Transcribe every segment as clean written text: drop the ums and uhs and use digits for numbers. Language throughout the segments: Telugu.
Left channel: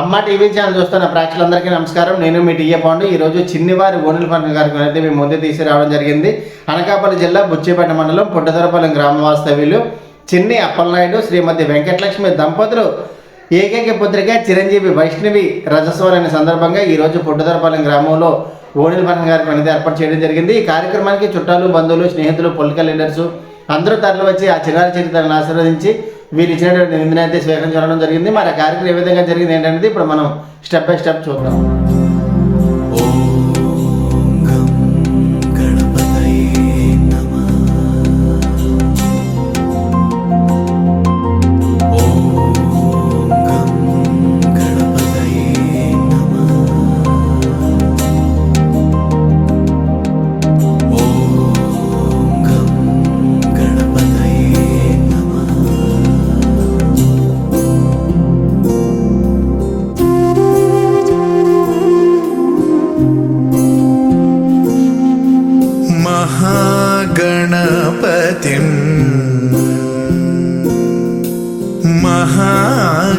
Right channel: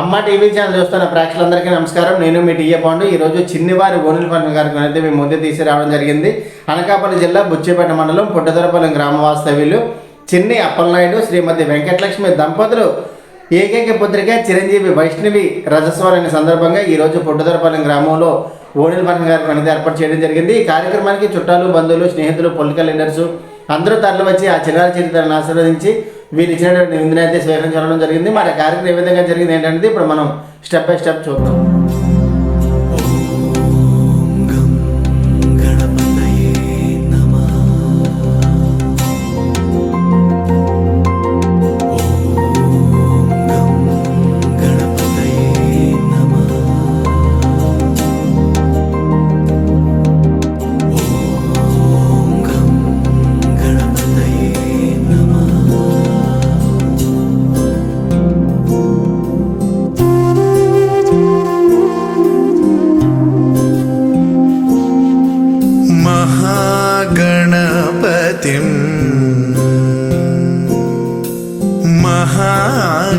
అమ్మ టీవీ ఛానల్ చూస్తున్న ప్రేక్షకులందరికీ నమస్కారం. నేను మీ టీఏ పాండు. ఈరోజు చిన్నివారి ఓణిల పండుగ కార్యక్రమం అయితే మేము ముందే తీసుకురావడం జరిగింది. అనకాపల్లి జిల్లా బుచ్చిపేట మండలం పుట్టదరపాలెం గ్రామ వాస్తవ్యులు చిన్ని అప్పలనాయుడు శ్రీమతి వెంకటలక్ష్మి దంపతులు ఏకైక పుత్రిక చిరంజీవి వైష్ణవి రజస్వరాన్ని సందర్భంగా ఈరోజు పుట్టదరపాలెం గ్రామంలో ఓణిల పండుగ కార్యక్రమం అనేది ఏర్పాటు చేయడం జరిగింది. ఈ కార్యక్రమానికి చుట్టాలు, బంధువులు, స్నేహితులు, పొలిటికల్ లీడర్స్ అందరూ తరలి వచ్చి ఆ చిన్నారి చరిత్రను ఆశీర్వదించి వీళ్ళు ఇచ్చినటువంటి నిందిని అయితే స్వీకరించడం జరిగింది. మరి ఆ కార్యక్రమం ఏ విధంగా జరిగింది ఏంటనేది ఇప్పుడు మనం స్టెప్ బై స్టెప్ చూద్దాం.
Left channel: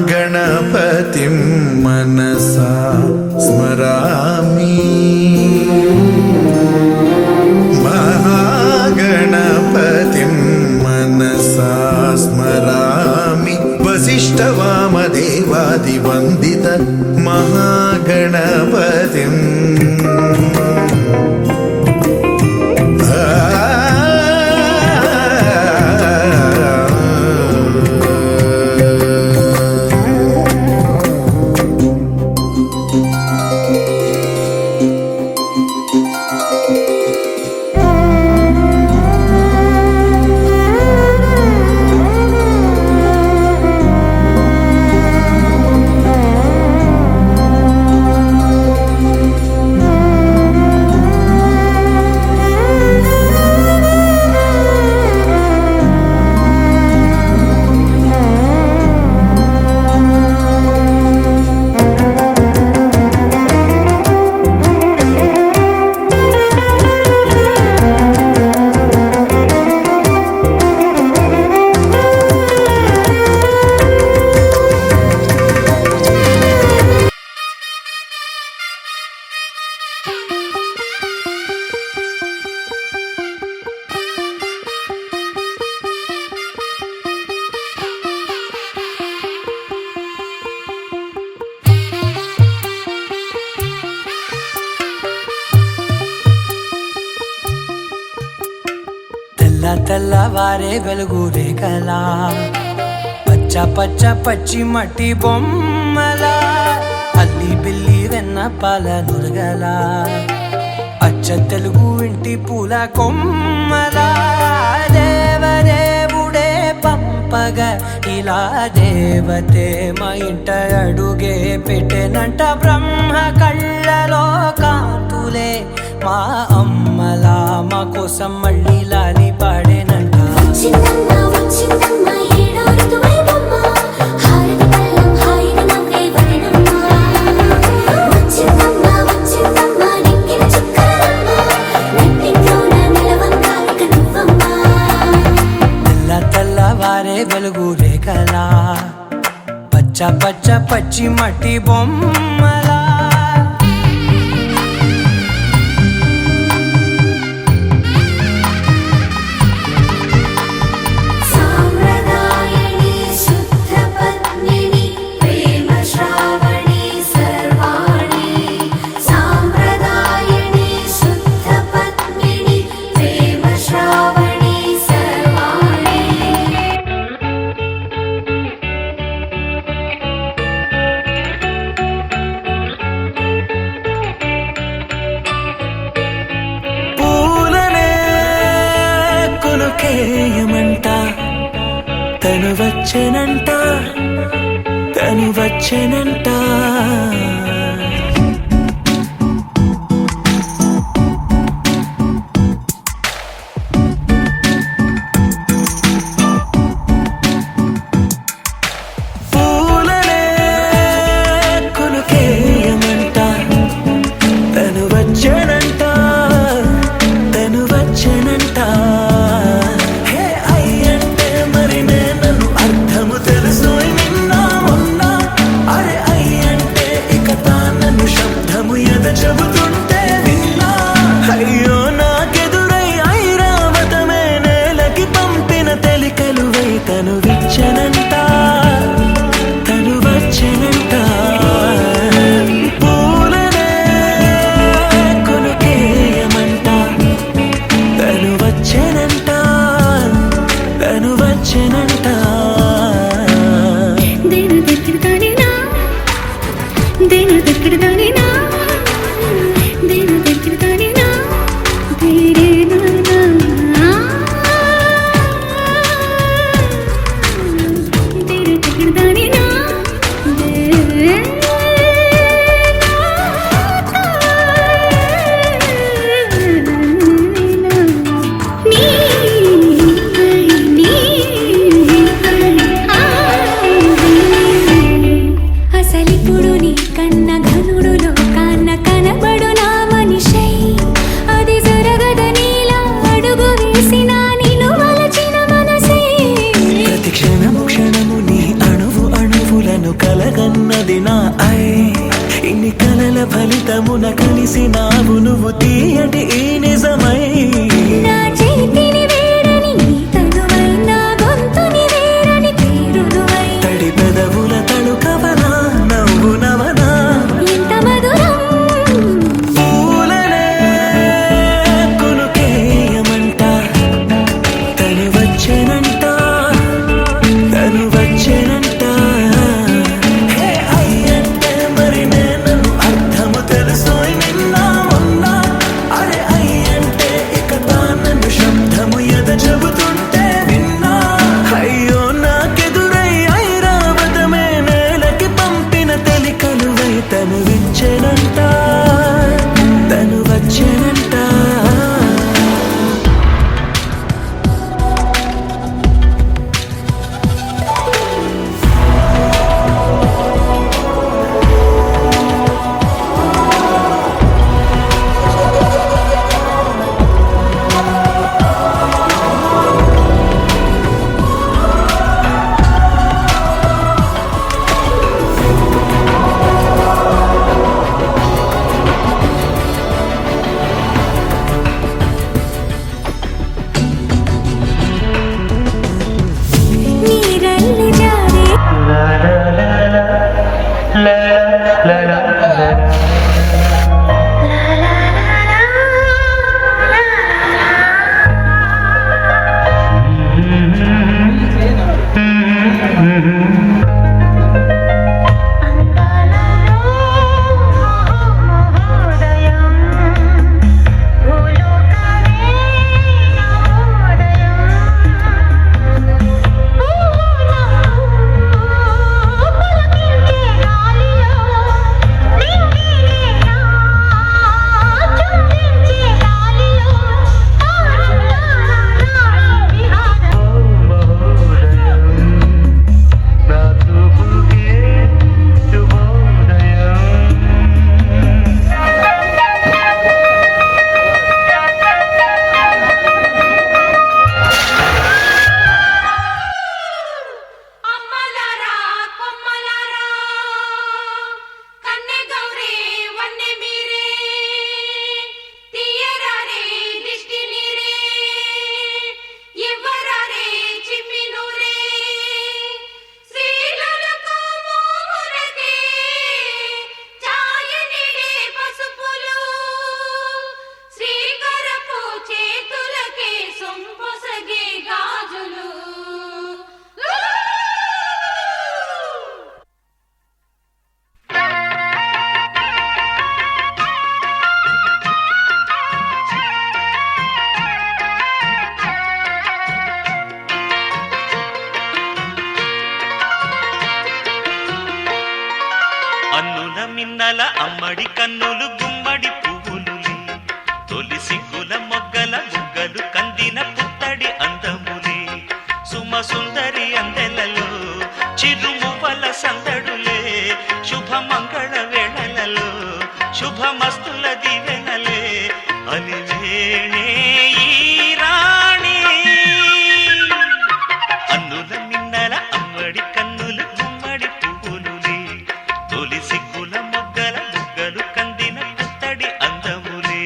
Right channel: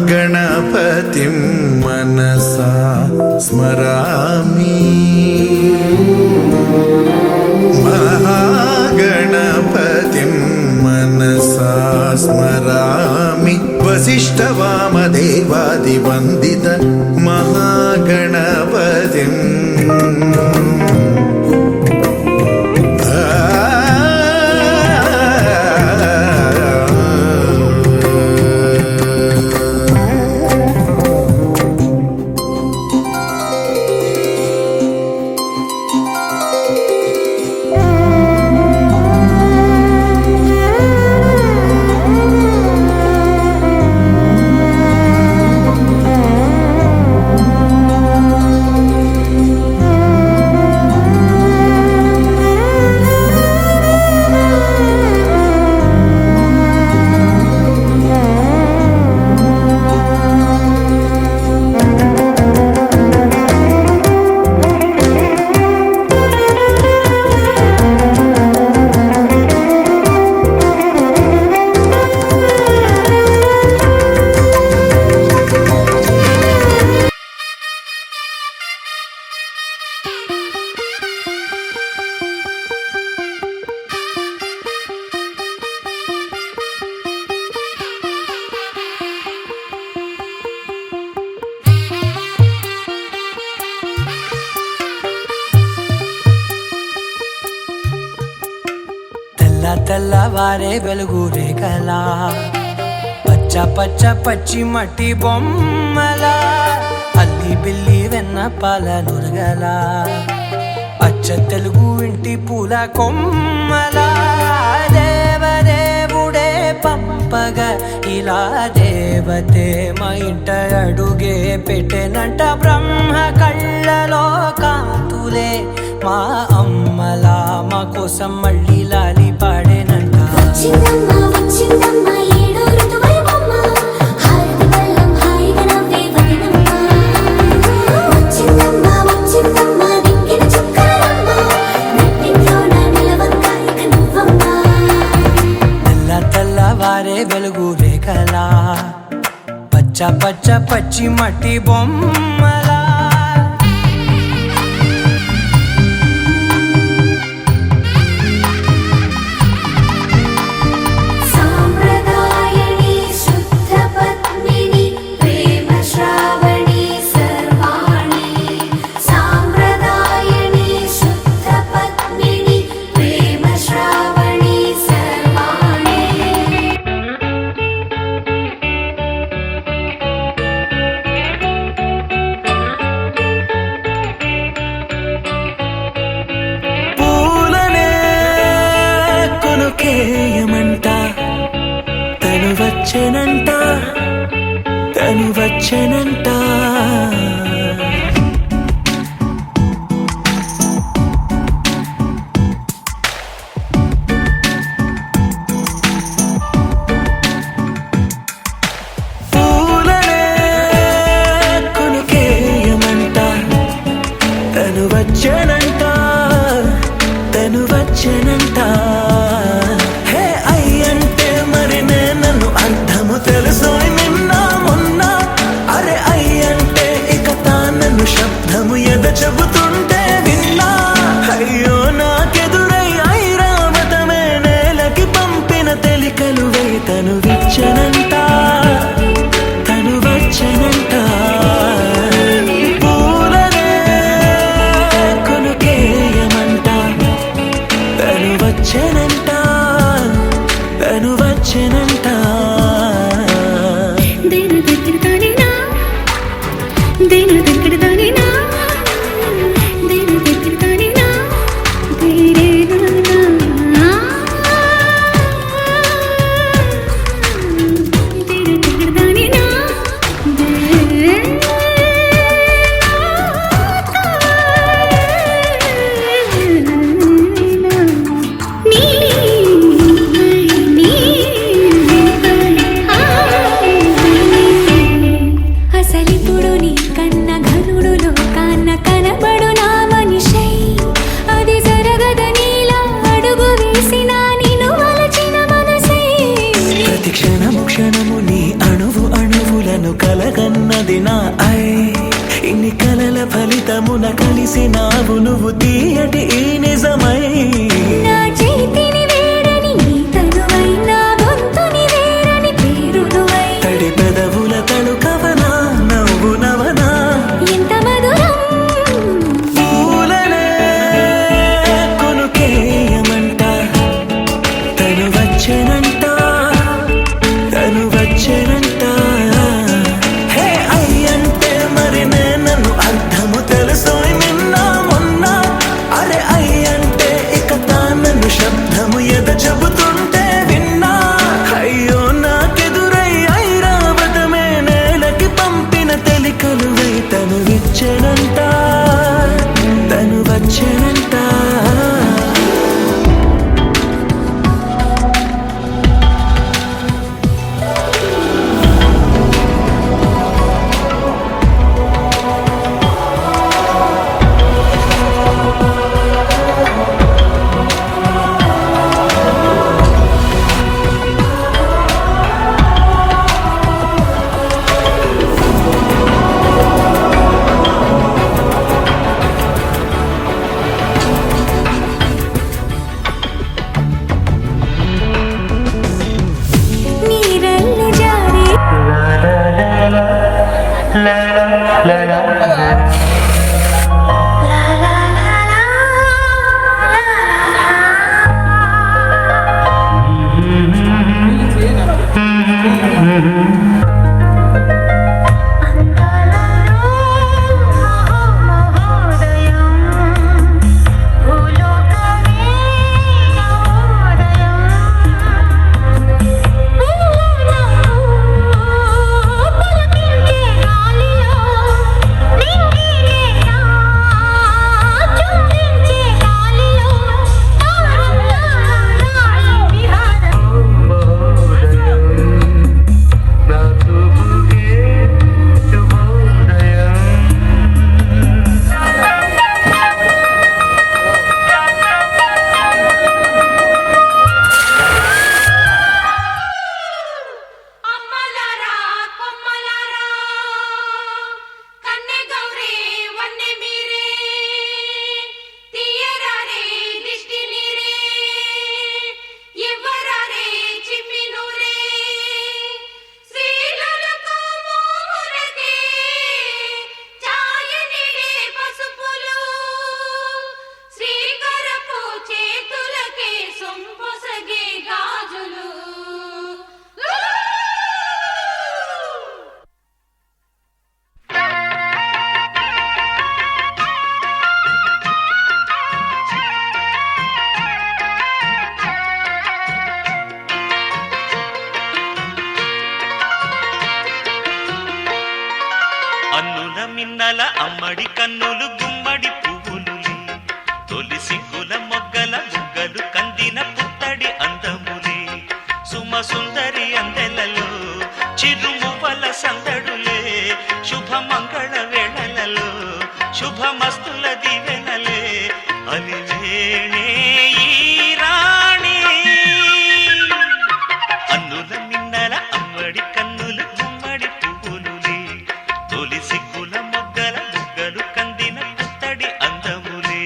महागणपतिं मनसा स्मरामि. महागणपतिं मनसा स्मरामि. वसिष्ठवामदेवादिवन्दित महागणपतिम्. తెల్లవారే వెలుగు రేఖలా పచ్చ పచ్చ పచ్చి మట్టి బొమ్మల అల్లి బిల్లి వెన్న పాల నురగల అచ్చ తెలుగు ఇంటి పూల కొమ్మల దేవదేవుడే పంపగా ఇలా దేవతే మా ఇంట అడుగే పెట్టెనంట. బ్రహ్మ కళ్ళలో కాంతులే మా అమ్మలా మా కోసం మళ్ళీ లాలి పాడేనంట. తెల్లవారే వెలుగు రేఖలా పచ్చ పచ్చ పచ్చి మట్టి బొమ్మలా కేయమంట తను వచ్చెనంట తను వచ్చెనంట. పూలనే కొనుకేయమంట తను వచ్చెనంట తను వచ్చెనంట. అర్థము తెలుసు నిన్న మొన్న. అరే అయ్యంట వచ్చెనంట తను వచ్చెనంట పూలనే కొనుకేయమంట తను వచ్చెనంట తను వచ్చెనంట దేని దగ్గరదానినా దేని దగ్గరదానినా దేని దగ్గరదానినా దేరేనా దేని దగ్గరదానినా అసలిప్పుడు నీ కన్న ఘనుడులో కన్న కనబడు నా మనిషై అది జరగదనిలా అడుగు వేసిన నిన్ను వలచిన మనసై ప్రతి క్షణము క్షణము నీ అణువు అణువులను కలగన్నది నా ఐ ఇన్ని కలల ఫలితమున కలిసినావు నువ్వు తీయటి ఈ నిజమై నా చేతిని వేడని నీ తనువై నా గొంతుని వేరని పేరు నువ్వై తడి పెదవుల తళుకవనా నవ్వు నవనా ఎంత మధురం పూలనే కొనుకేయమంట తను వచ్చెనంట తను వచ్చెనంట హే అయ్యంటే మరి నన్ను అర్థము తెలుసు నిన్న మొన్న అరే అయ్యంటే ఇక తానను శబ్దము ఎద చెబుతుంటే విన్నా అయ్యో నాకెదురై ఐరావతమే నేలకి పంపిన తెలికలువై తను విచ్చెనంట తను వచ్చెనంట నీరల్లి జారే అమ్మలారా కొమ్మలారా కన్నె గౌరే వన్నె మీరే తీయరారే దిష్టి నీరే ఇవ్వరారే చిమ్మి నూరే శ్రీలకు మోములకే ఛాయనిలే పసుపులు శ్రీకరపు చేతులకే సొంపొసగే గాజులు అన్నుల మిన్నల అమ్మడి కన్నులు గుమ్మడి పువ్వులులే తొలి సిగ్గుల మొగ్గల బుగ్గలు కందిన పుత్తడి అందములే సుమ సుందరి అందెలలో చిరుమువ్వల సందడులే శుభమంగళ వేళలలో శుభమస్తుల దివెనలే అలివేణే ఈ రాణి అన్నుల మిన్నల అమ్మడి కన్నులు గుమ్మడి పువ్వులులే తొలి సిగ్గుల మొగ్గల బుగ్గలు కందిన పుత్తడి అందములే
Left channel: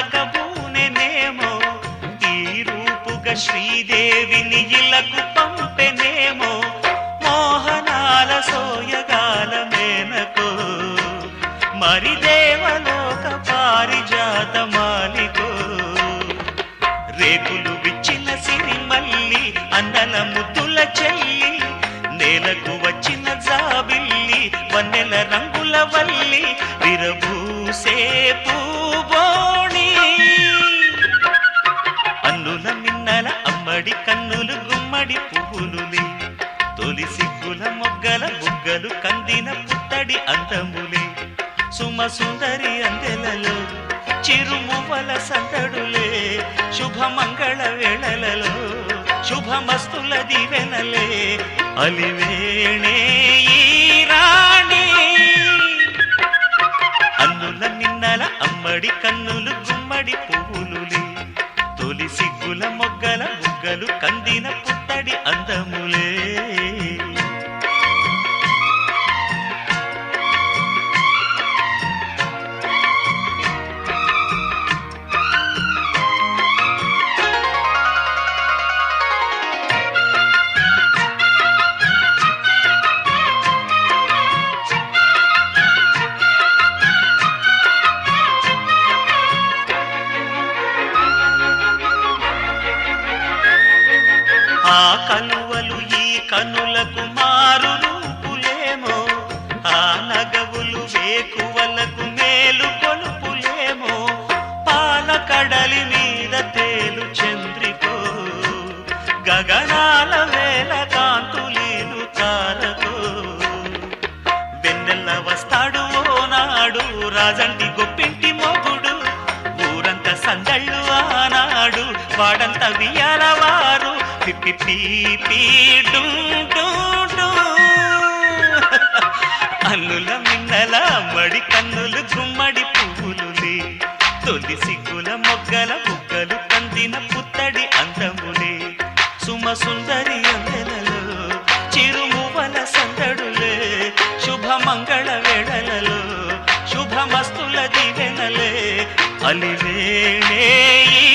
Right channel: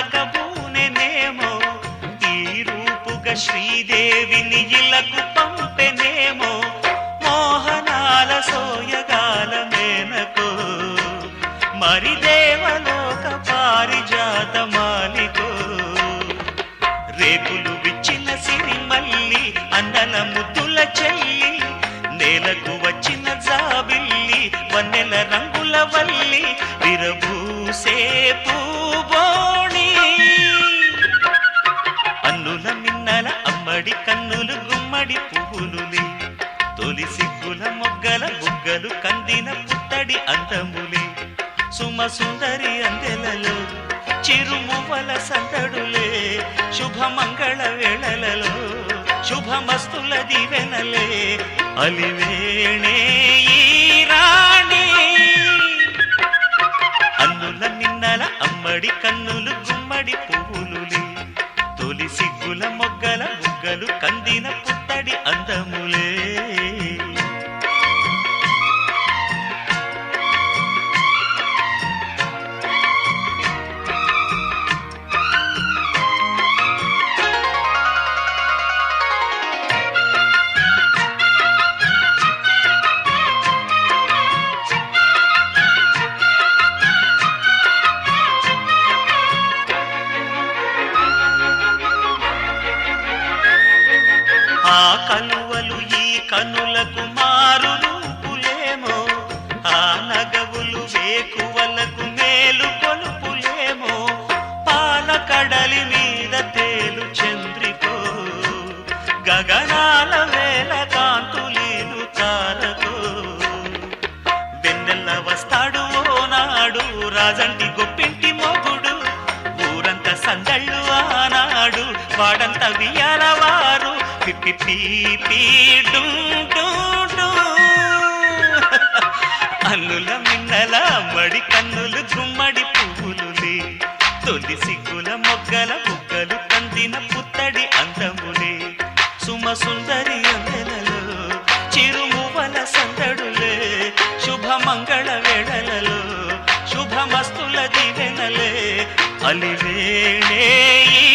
కానకబూనెనేమో ఈ రూపుగా శ్రీదేవిని ఇలకు పంపెనేమో మోహనాల సోయగాల మేనకో మరి దేవలోక పారిజాత మాలికో రేకులు విచ్చిన సిరిమల్లి అందల ముద్దుల చెల్లి నేలకు వచ్చిన జాబిల్లి వన్నెల రంగుల వల్లి విరబూసే పూబోణి అన్నుల మిన్నల అమ్మడి కన్నులు గుమ్మడి పువ్వులులే తొలి సిగ్గుల మొగ్గల బుగ్గలు కందిన పుత్తడి అందములే సుమ సుందరి అందెలలో చిరుమువ్వల సందడులే శుభమంగళ వేళలలో శుభమస్తుల దీవెనలే అలివేణే ఈ రాణి అన్నుల మిన్నల అమ్మడి కన్నులు గుమ్మడి పువ్వులులే తొలి సిగ్గుల మొగ్గల బుగ్గలు కందిన పుత్తడి అందములే ఆ కలువలు ఈ కనులకు మారు రూపులేమో ఆ నగవులు వేకువలకు మేలు కొలుపులేమో పాల కడలి మీద తేలు చంద్రికో గగనాల వేల కాంతులీలు తారకో వెన్నెల్ల వస్తాడు ఓనాడు రాజంటి గొప్పింటి మొగుడు ఊరంత సందళ్ళు ఆనాడు వాడంత వియాలవారు అల్లుల మిన్నల మడి కన్నులు గుమ్మడి పువ్వులులే తొలి సిగ్గుల మొగ్గల బుగ్గలు కందిన పుత్తడి అందములే సుమ సుందరి అందెలలో చిరుమువల సందడులే శుభమంగళ వేళలలో శుభమస్తుల దీవెనలే అలివేణే ఈ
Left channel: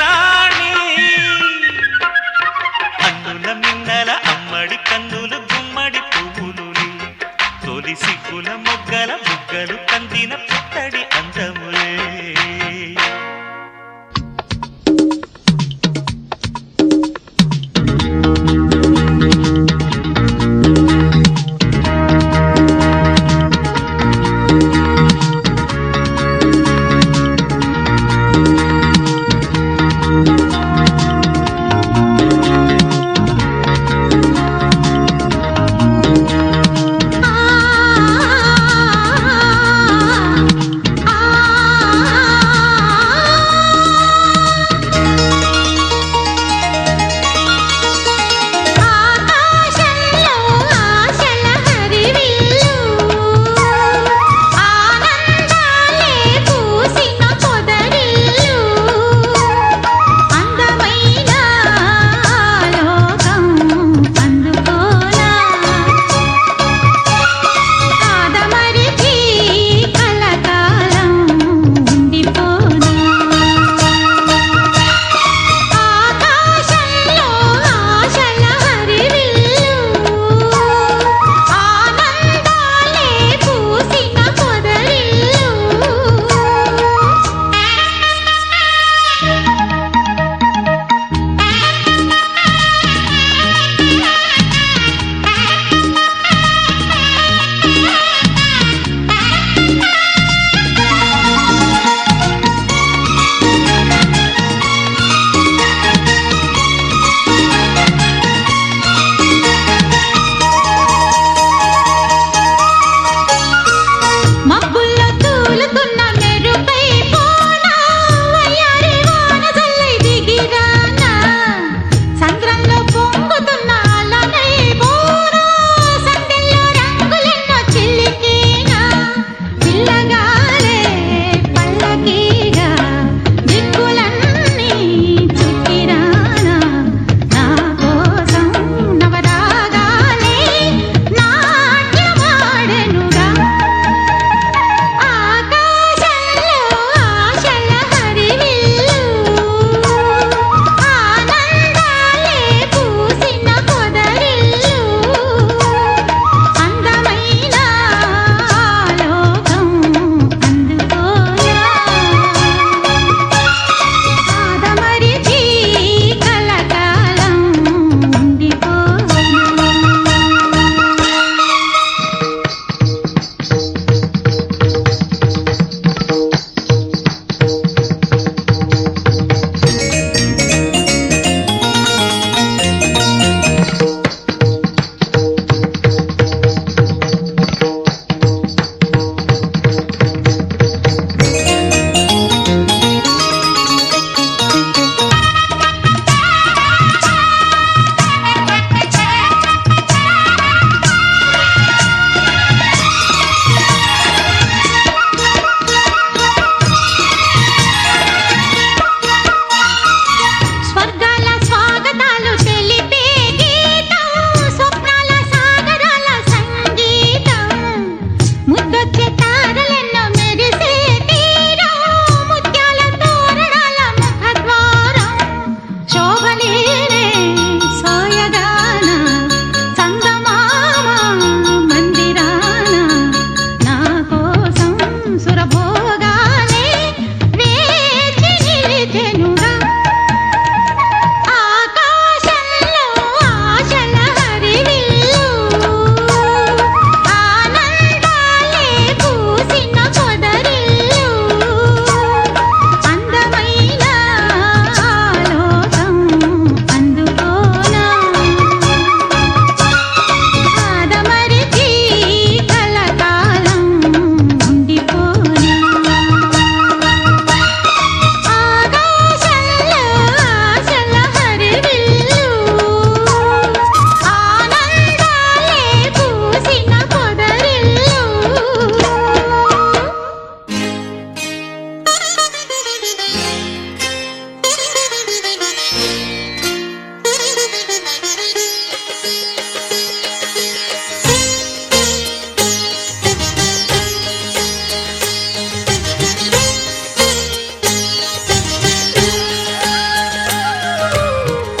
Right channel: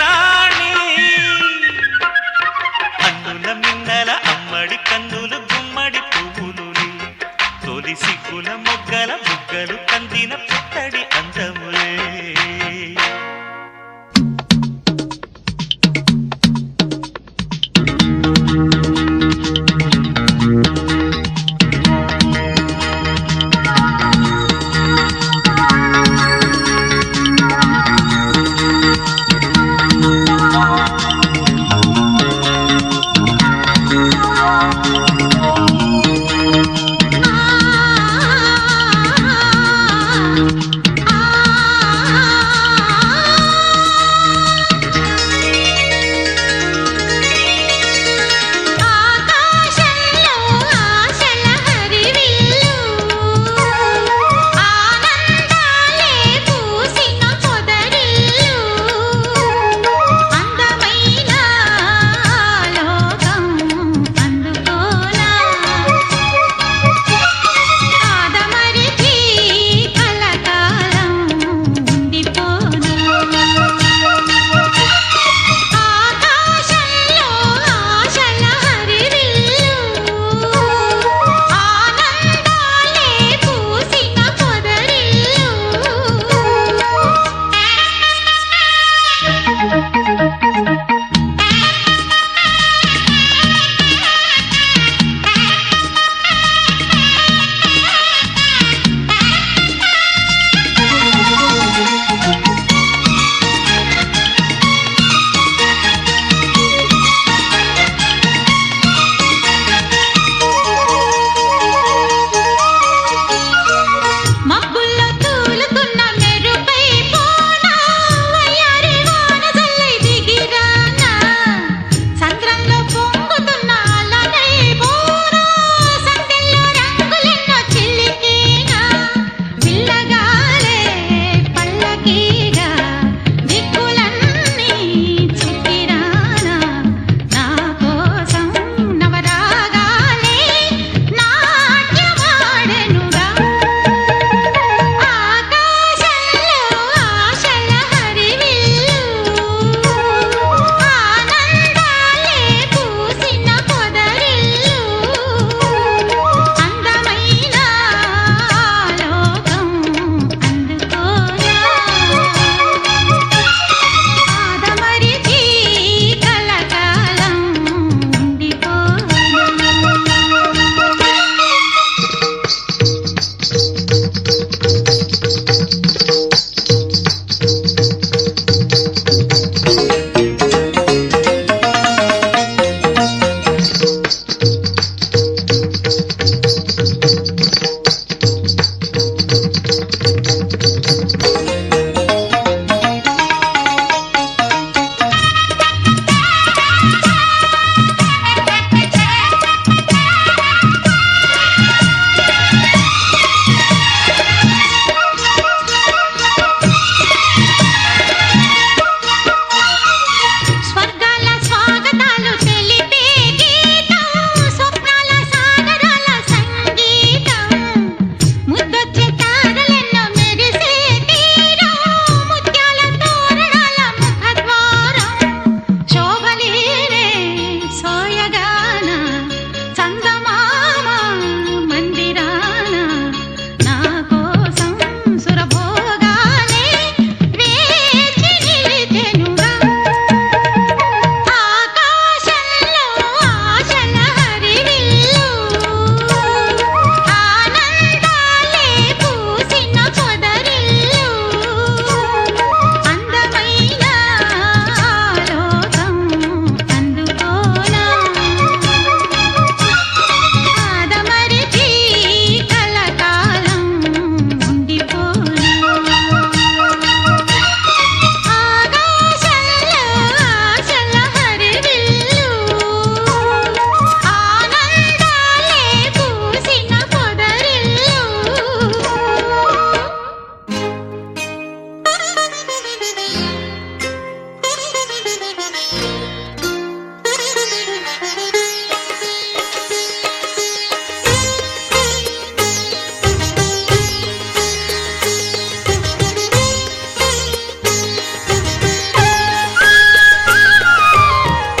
రాణి అన్నుల మిన్నల అమ్మడి కన్నులు గుమ్మడి పువ్వులులే తొలి సిగ్గుల మొగ్గల బుగ్గలు కందిన పుత్తడి అందములే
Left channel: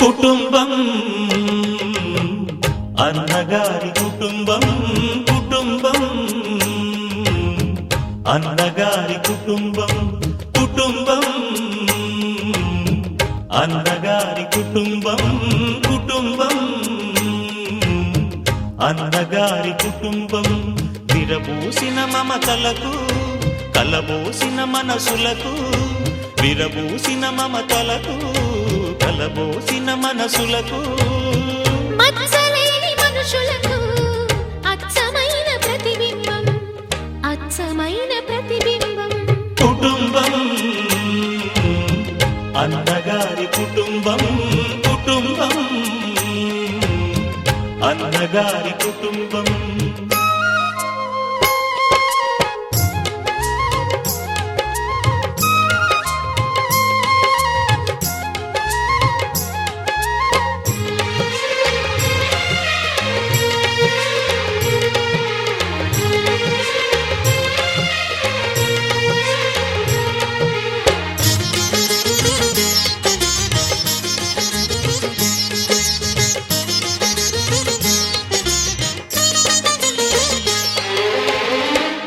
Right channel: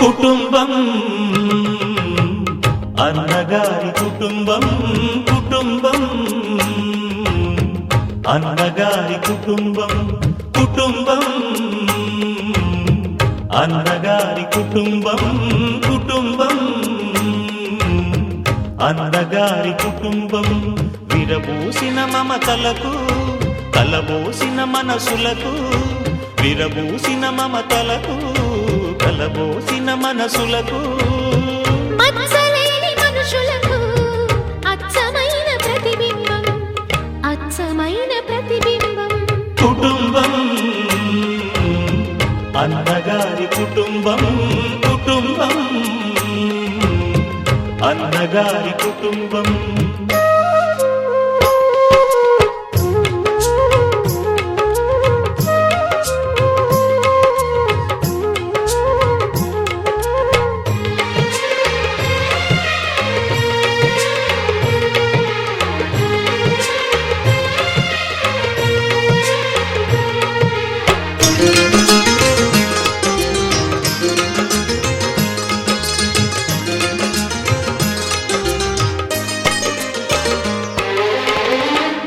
కుటుంబం అన్నగారి కుటుంబం కుటుంబం అన్నగారి కుటుంబం కుటుంబం అన్నగారి కుటుంబం కుటుంబం అన్నగారి కుటుంబం విరబూసిన మమతలకు కలబోసిన మనసులకు విరబూసిన మమతలకు కలబోసిన మనసులకు మచ్చలేని మనుషులకు అచ్చమైన ప్రతిబింబం అచ్చమైన ప్రతిబింబం కుటుంబం అన్నగారి కుటుంబం కుటుంబం అన్నగారి కుటుంబం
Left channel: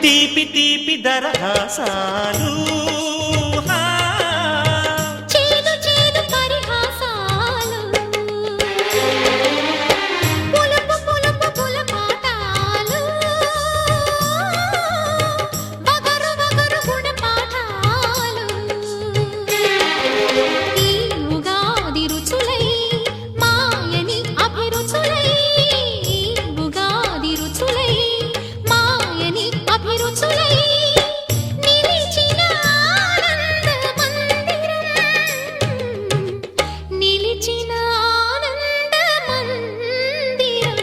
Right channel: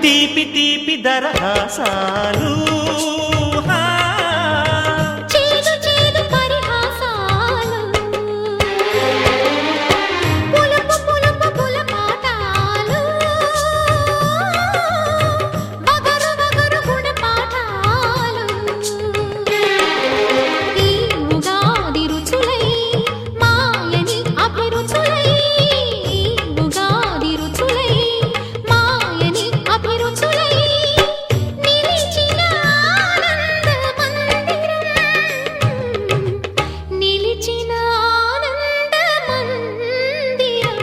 తీపి తీపి దరహాసాలు చేదు చేదు పరిహాసాలు పులుపు పులుపు పులపాటాలు వగరు వగరు గుణపాఠాలు ఈ ఉగాది రుచులై మాయని అభిరుచులై ఈ ఉగాది రుచులై మాయని అభిరుచులై నిలిచిన ఆనంద మందిరం నిలిచిన ఆనంద మందిరం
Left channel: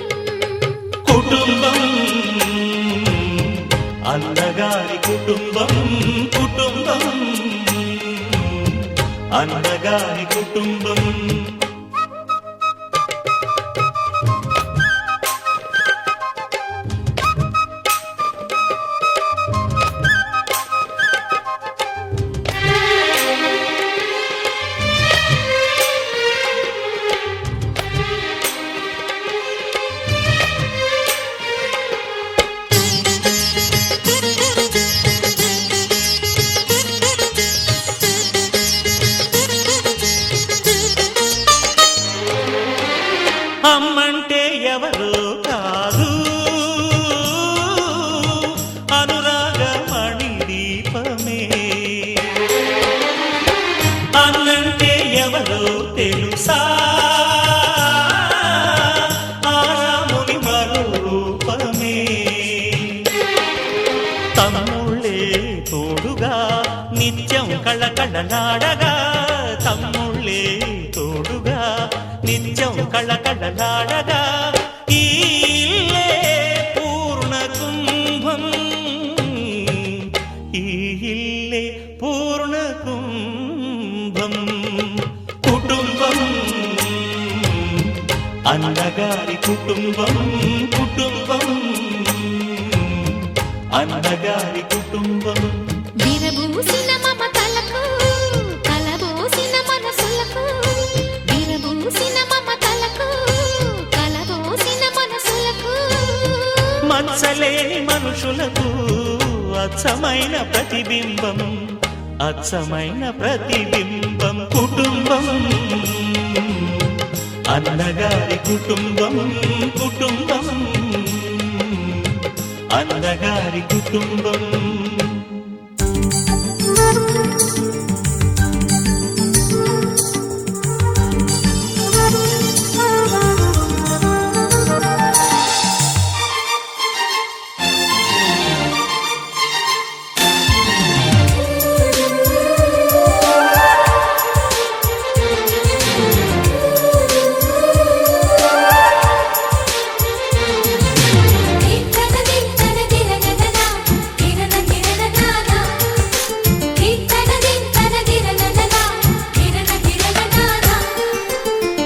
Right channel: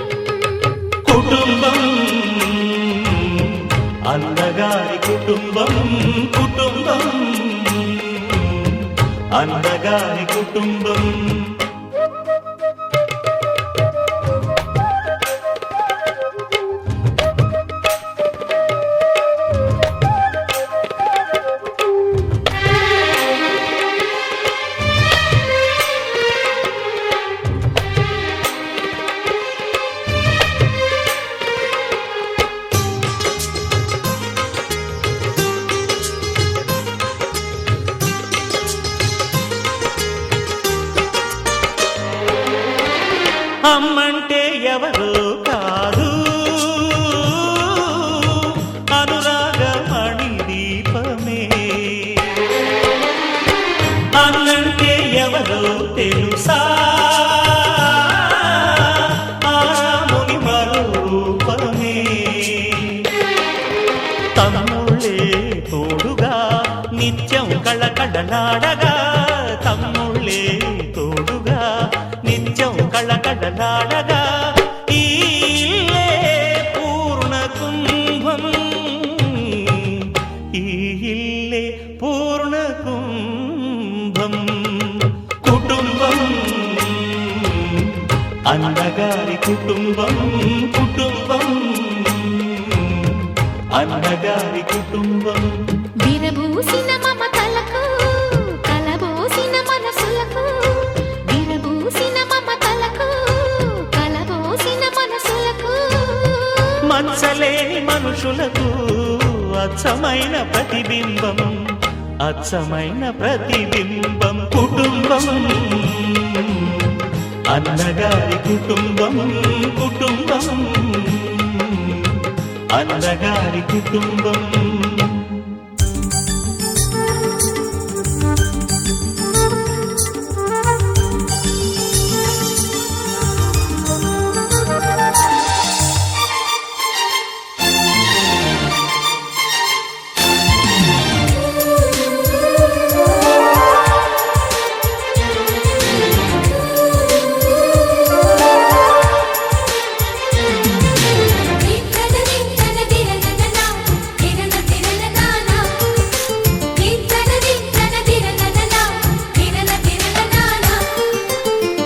కుటుంబం అన్నగారి కుటుంబం కుటుంబం అన్నగారి కుటుంబం అమ్మంటే ఎవరో కాదు అనురాగమణి దీపమే అన్నంటే ఎవరో తెలుసా ఆరాముని మరో రూపమే తమ్ముళ్ళే తోడుగా నిత్యం కళకళలాడగా తమ్ముళ్ళే తోడుగా నిత్యం కళకళలాడగా ఈ ఇల్లే పూర్ణ కుంభం ఈ ఇల్లే పూర్ణ కుంభం కుటుంబం అన్నగారి కుటుంబం కుటుంబం అన్నగారి కుటుంబం విరబూసిన మమతలకు కలబోసిన మనసులకు విరబూసిన మమతలకు కలబోసిన మనసులకు మచ్చలేని మనుషులకు అచ్చమైన ప్రతిబింబం అచ్చమైన ప్రతిబింబం కుటుంబం అన్నగారి కుటుంబం కుటుంబం అన్నగారి కుటుంబం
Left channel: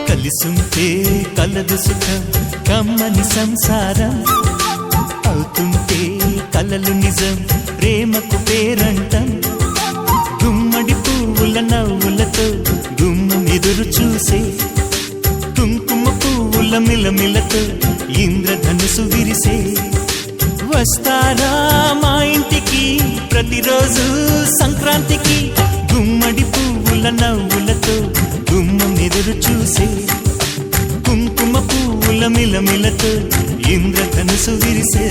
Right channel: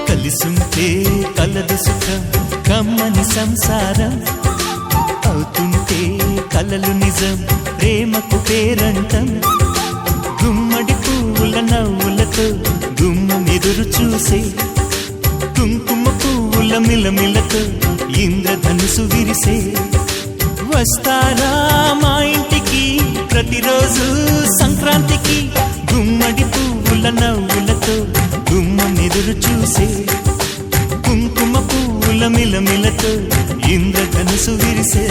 కలిసుంటే కలదు సుఖం కమ్మని సంసారం అవుతుంటే కలలు నిజం ప్రేమకు పేరంటం గుమ్మడి పువ్వుల నవ్వులతో గుమ్మం ఎదురు చూసే కుంకుమ పువ్వుల మిలమిలతో ఇంద్రధనుసు విరిసే వస్తారా మా ఇంటికి ప్రతిరోజు సంక్రాంతికి గుమ్మడి పువ్వుల నవ్వులతో గుమ్మం ఎదురు చూసే కుంకుమ పువ్వుల మిలమిలతో ఇంద్రధనుసు విరిసే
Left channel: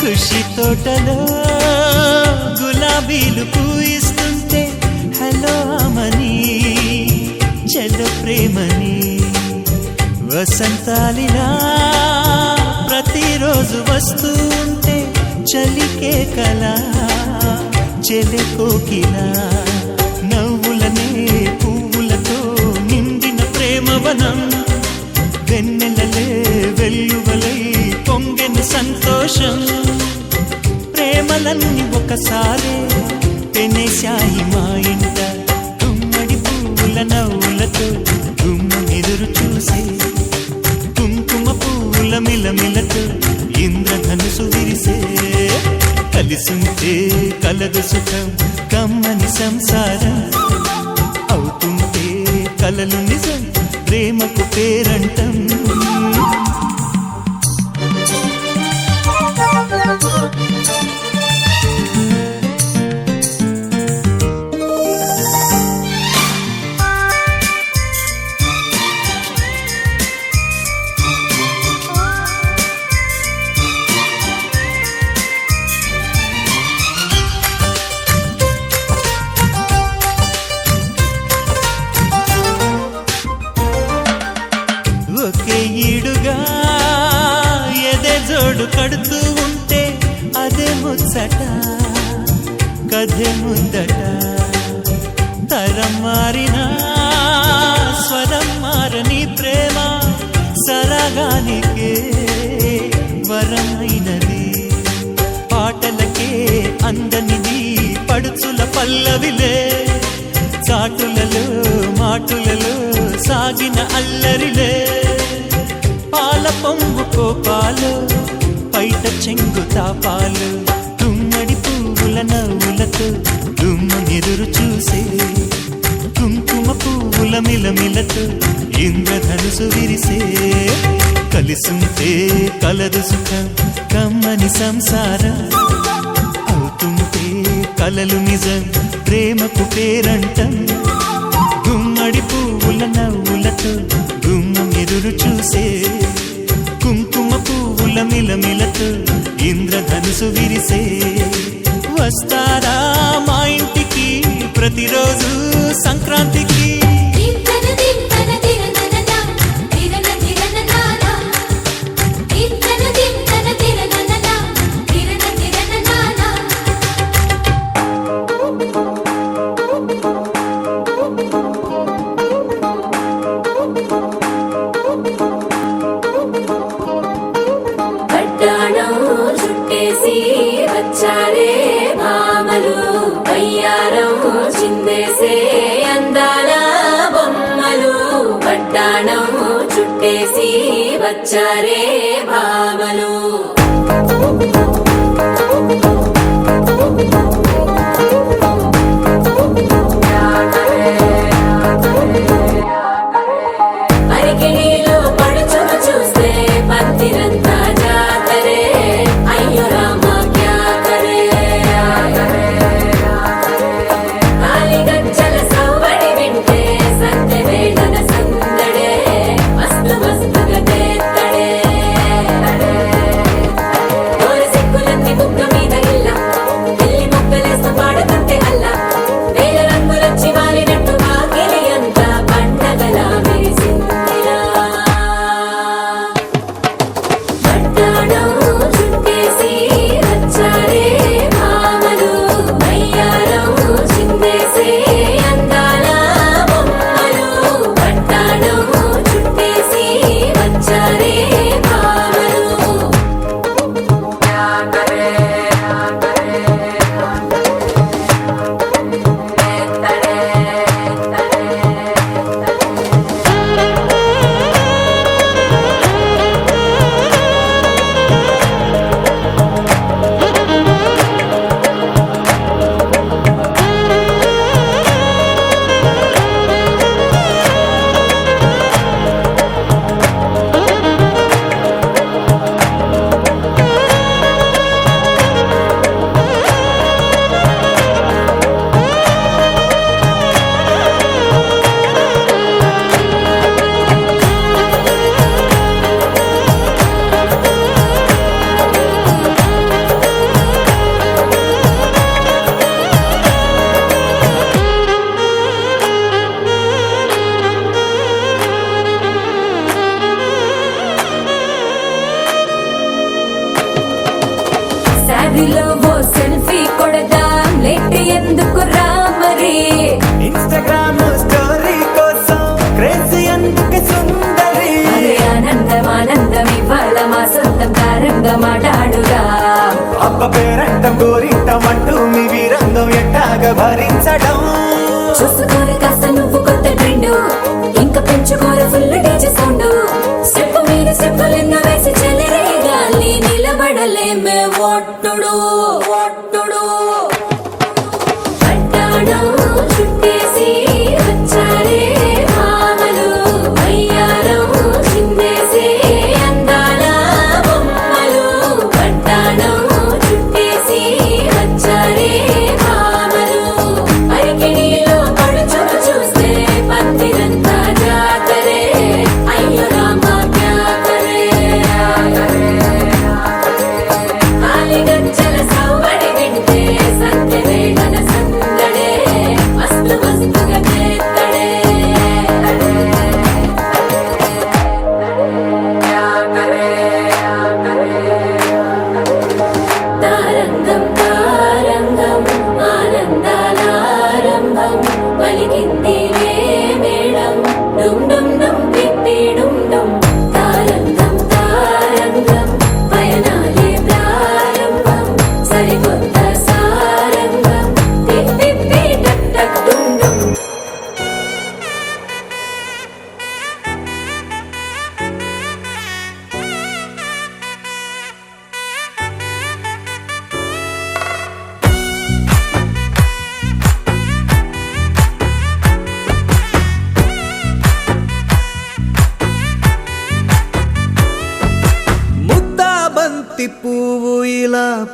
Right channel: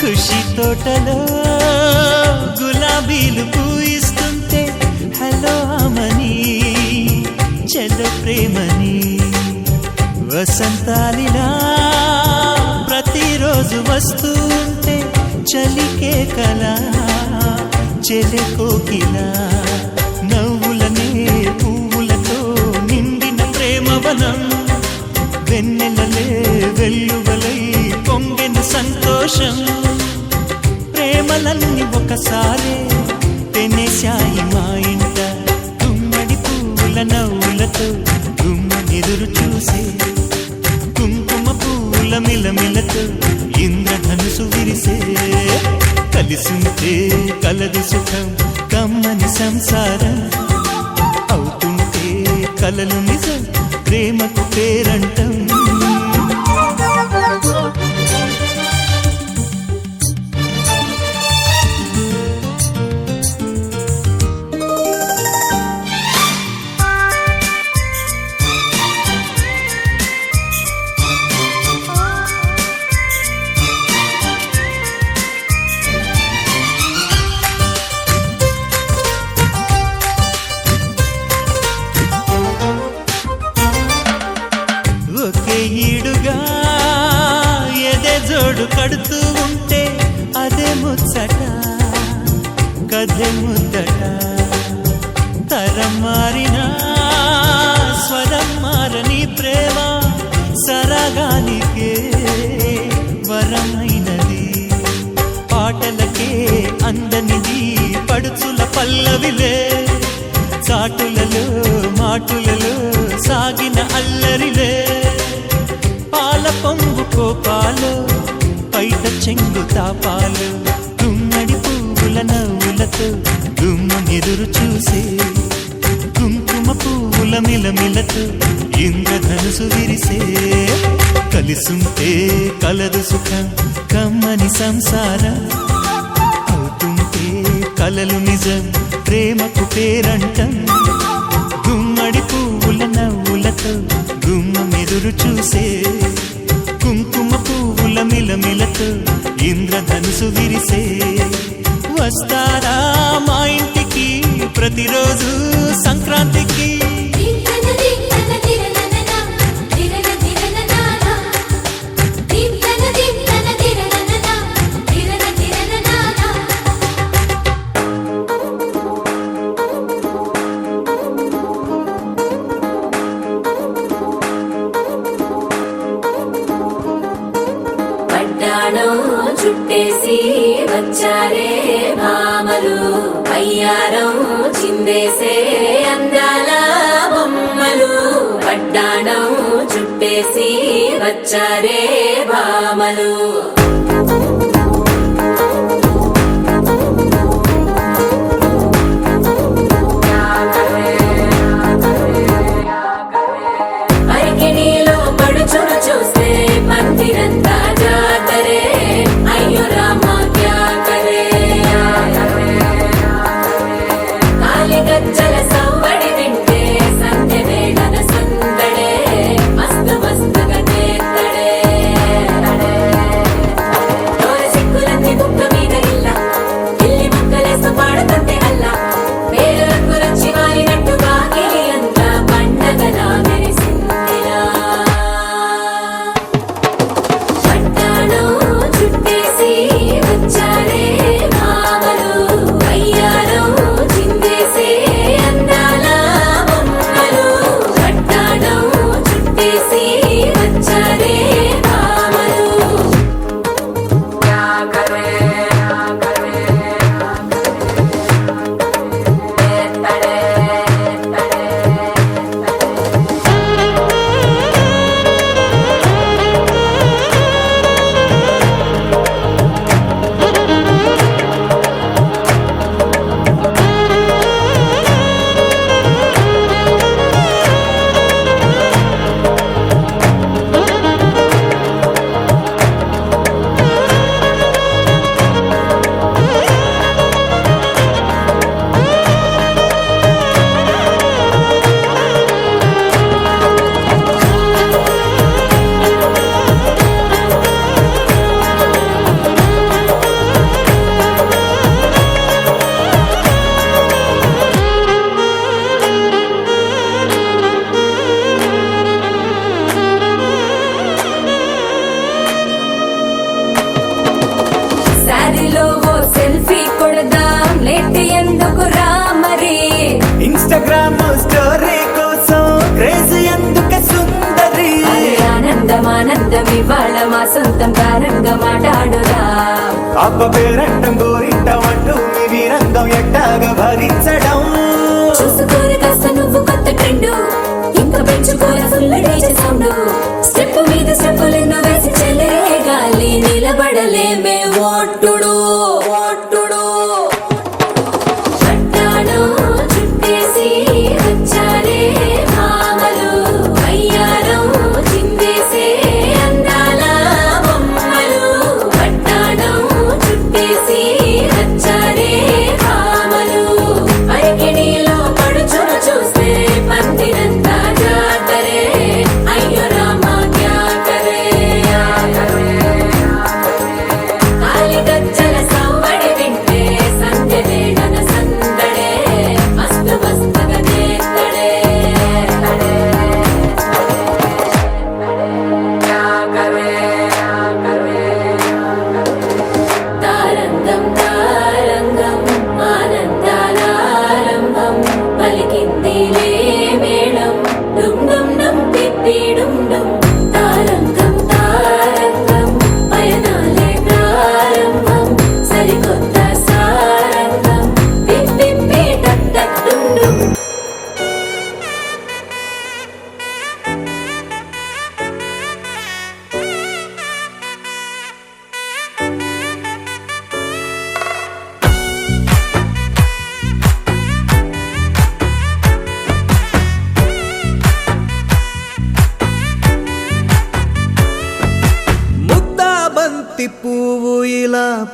ఖుషి తోటలో గులాబీలు పూయిస్తుంటే హలో అమని చెల్లు ప్రేమని వసంతాలిలా ప్రతిరోజు వస్తుంటే చలికే కలా చెలె కోకిలా నవ్వులనే పువ్వులతో నిండిన ప్రేమవనం వెన్నెలలే వెల్లువలై పొంగెను సంతోషం ప్రేమలన్నీ ఒకసారే పెనేశాయి మా ఇంట గుమ్మడి పువ్వుల నవ్వులతో గుమ్మం ఎదురు చూసే కుంకుమ పువ్వుల మిలమిలతో ఇంద్రధనుసు విరిసే కలిసుంటే కలదు సుఖం కమ్మని సంసారం అవుతుంటే కలలు నిజం ప్రేమకు పేరంటం ఒకే ఈడుగా ఎదే జోడు కడుతూ ఉంటే అదే ముచ్చట కథే ముద్దట తరం మారినా స్వరం మారని ప్రేమ సరగానికే వరమైనది పాటలకే అందనిది పడుచుల పల్లవిలే చాటులలో మాటులలో సాగిన అల్లరిలే పాల పొంగు కోపాలు పైట చెంగు తాపాలు గుమ్మడి పువ్వుల నవ్వులతో గుమ్మం ఎదురు చూసే కుంకుమ పువ్వుల మిలమిలతో ఇంద్రధనుసు విరిసే కలిసుంటే కలదు సుఖం కమ్మని సంసారం అవుతుంటే కలలు నిజం ప్రేమకు పేరంటం గుమ్మడి పువ్వుల నవ్వులతో గుమ్మం ఎదురు చూసే కుంకుమ పువ్వుల మిలమిలతో ఇంద్రధనుసు విరిసే వస్తారా మా ఇంటికి ప్రతిరోజు సంక్రాంతికి తిన్న తిన్న తిరనననా తిరన తిరననానా తిన్న తిన్న తిరనననా తిరన తిరననానా పట్టాణం చుట్టేసి వచ్చారే భామలు పయ్యారం చిందేసే అందాల బొమ్మలు పట్టాణం చుట్టేసి వచ్చారే భామలు అరికిణీలో పడుచును చూస్తే భక్తిరంతా జాతరే అయ్యో రామ క్యా కరే కాలిగజ్జల సవ్వడి వింటే సంధ్య వేళల సందడే మస్తు మస్తుగా చేత్తడే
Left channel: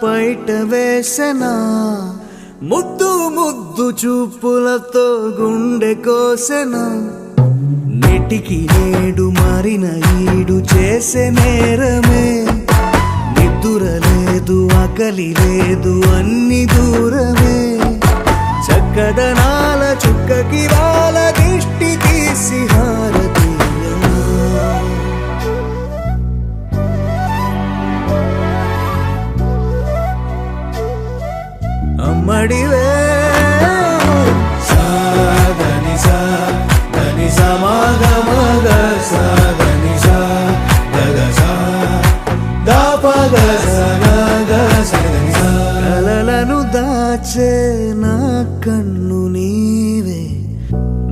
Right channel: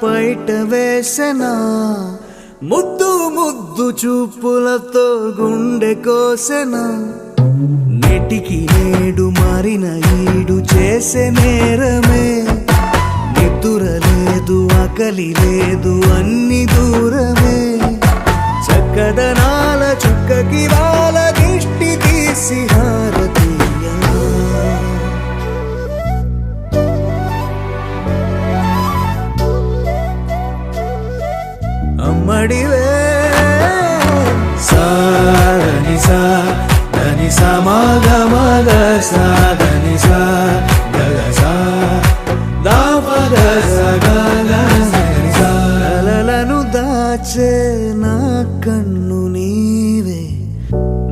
పైట వేసెనా ముద్దు ముద్దు చూపులతో గుండె కోసెనా నెటికి నేడు మారిన ఈడు చేసే నేరమే నిద్దుర లేదు ఆకలి లేదు అన్ని దూరమే చక్కదనాల చుక్కకి వాళ్ళ దిష్టి తీసి హారతీయనా అమ్మడివే కలలను దాచే నా కన్ను నీవే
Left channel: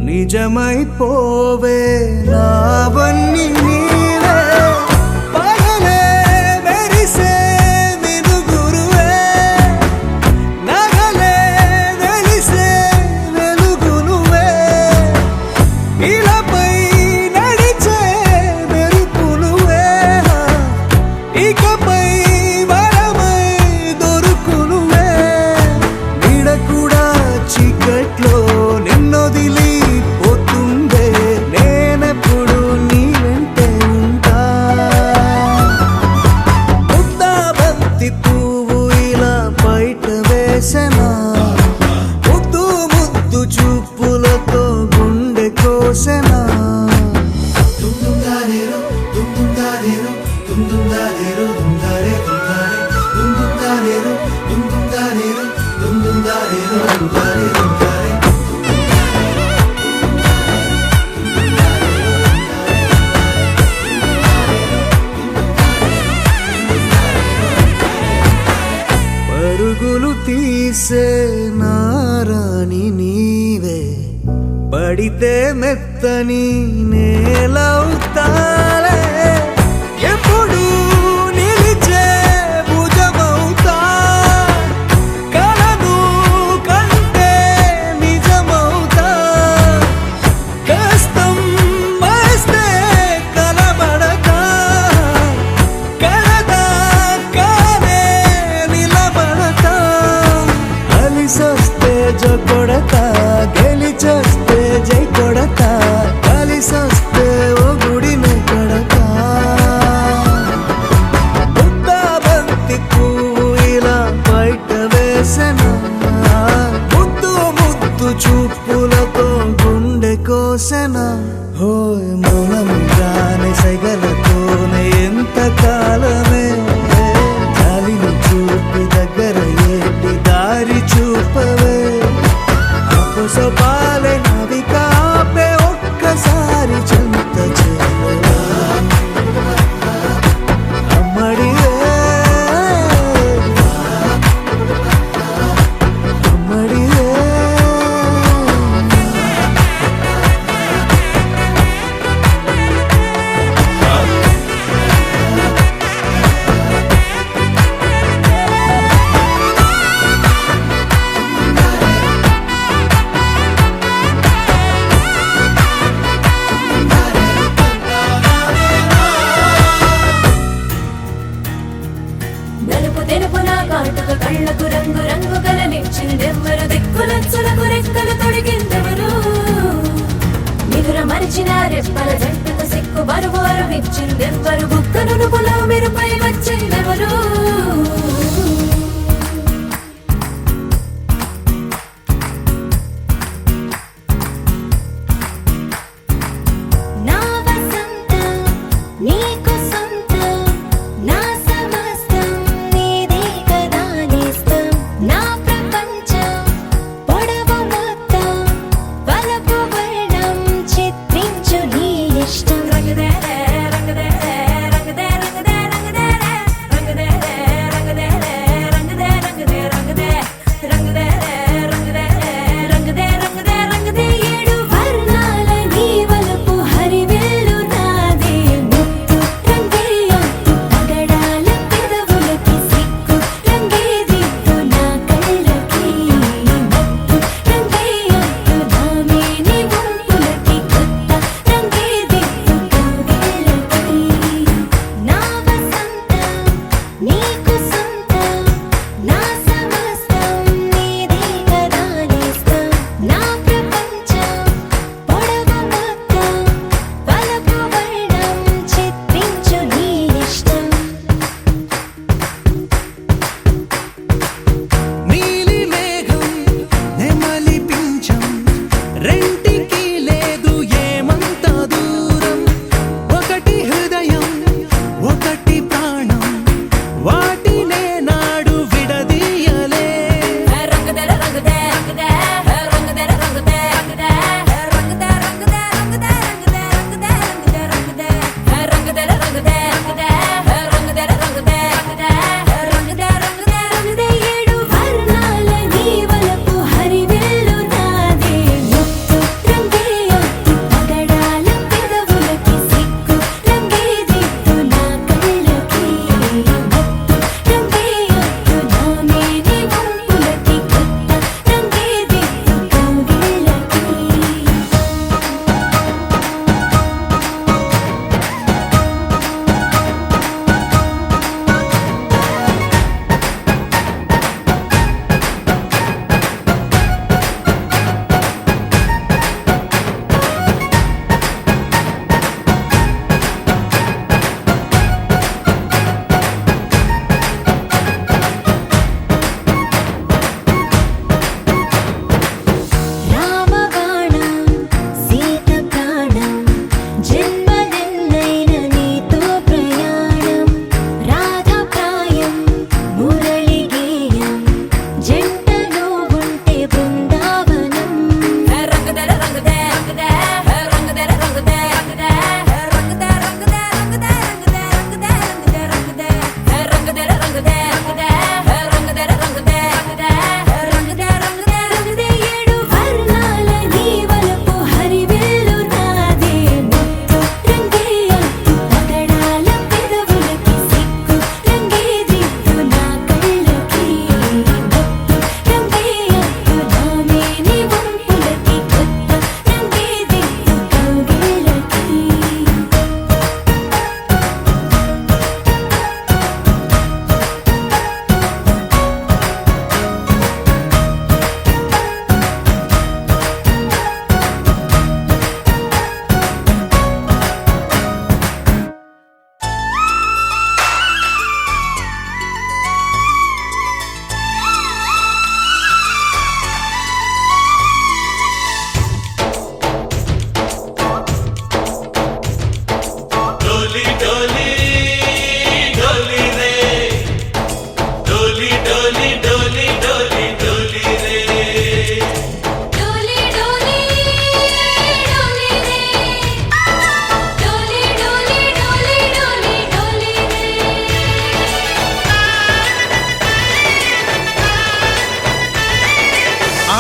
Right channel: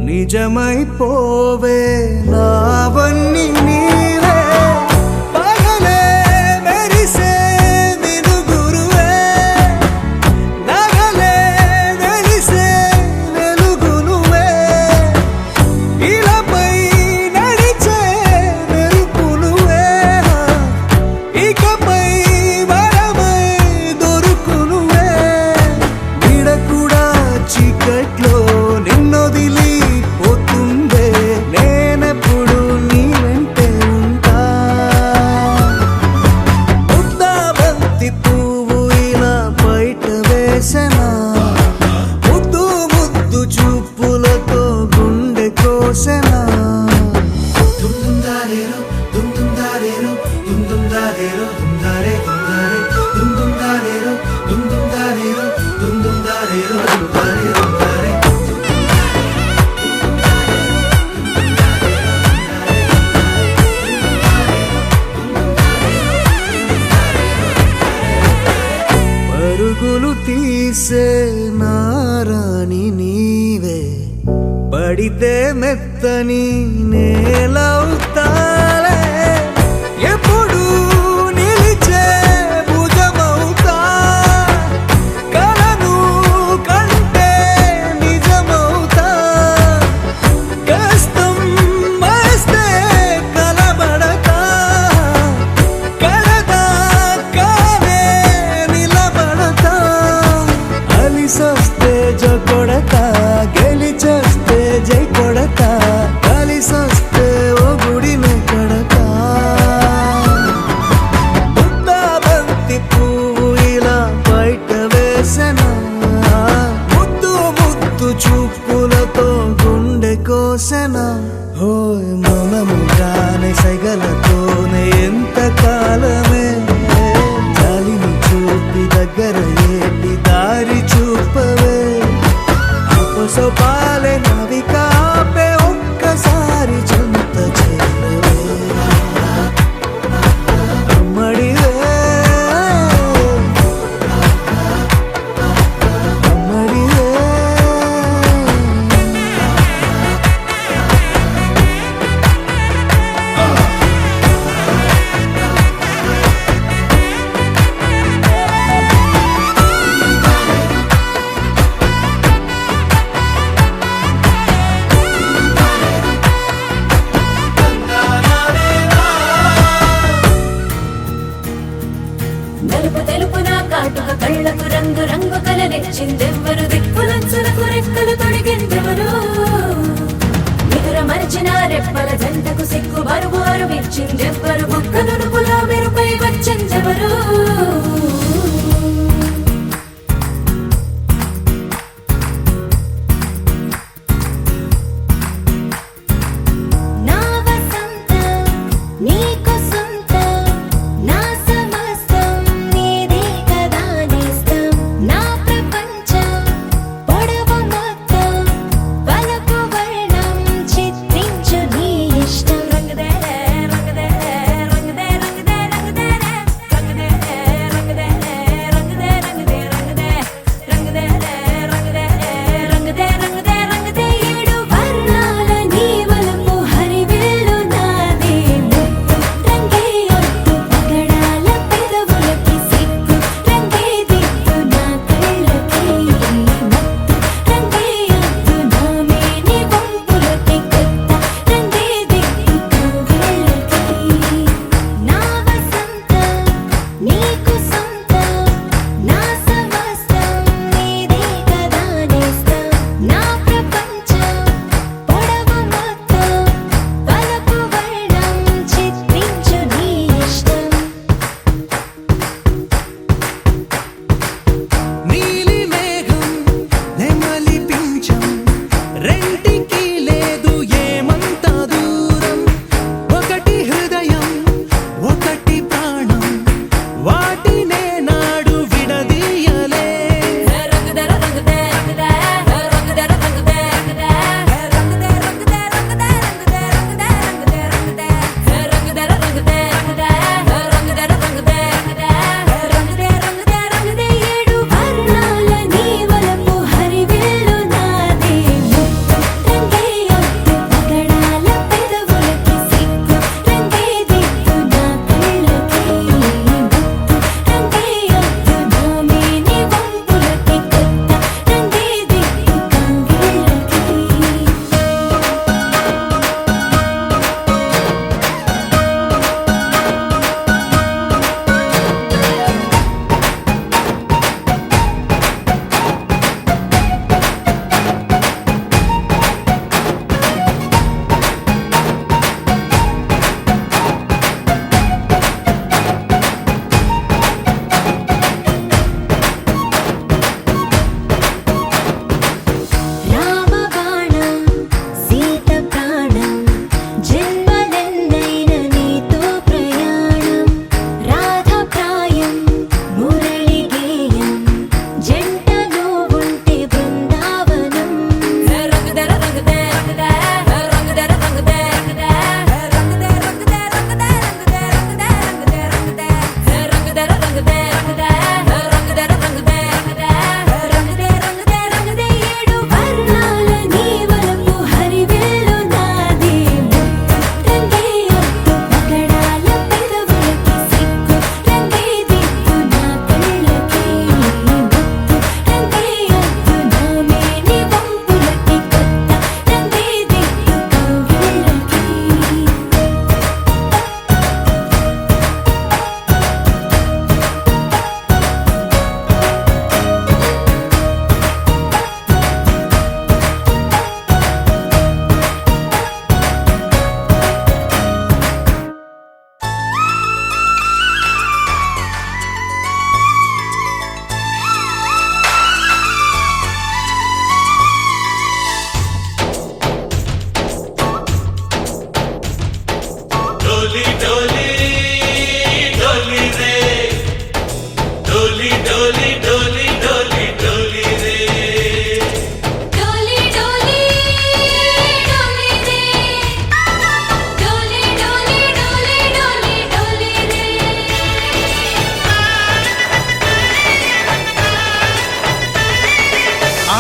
నిజమైపోవే నావన్నీ నీవే పగలే మెరిసే మినుగురువే నగలే వెలిసే వెలుగునువే ఇలాపై నడిచే మెరుపునువే ఇకపై వరమై దొరుకునువే నీడ కూడా చీకట్లో నిన్నొదిలి పోతుందే నేనెప్పుడు నీ వెంటే ఉంటా ముద్దా బంతి పువ్వు ఇలా బయట వేసెనా ముద్దు ముద్దు చూపులతో గుండె కోసెనా పరుగులు తీసే నారాణి నీవే పడితే మెత్తని నేలవుతాలే ఎప్పుడు నిలిచే భుజమవుతా కలను కంటే నిజమవుతా కష్టం వస్తే కలబడతా కడదాకానే నిలబడతా అలిసొస్తే జో కొడతా గెలిచొస్తే జై కొడతా కలిసొస్తే ఓ గుడినే కొడతా ముద్దా బంతి పువ్వు ఇలా బయట వేసెనా ముద్దు ముద్దు చూపులతో గుండె కోసెనా హోయ్ మౌనముగానే సైగలతోనే ఎంత కాలమే జాలిని చూపి దగ్గర ఏటి దారి చూపవే అపసోపాలే నవికాపే ఒక్కసారి చెంత చేరవే అమ్మడివే అమ్మడివే నలుపు తెలుపు నా కాటుక కళ్ళకు రంగు రంగు కలనిచ్చిందెవ్వరు దిక్కులంచులకు రెక్కలు తొడిగిందెవరు నిదుర మరిచిన రెప్పల జంటకు సిగ్గు బరువు అరువిచ్చిందెవ్వరు ఒక్క నునుపులో మెరుపై వచ్చిందెవరు నా వసంతం నీకు సొంతం నా సమస్తం నీది కదా నేస్తం నా ప్రపంచం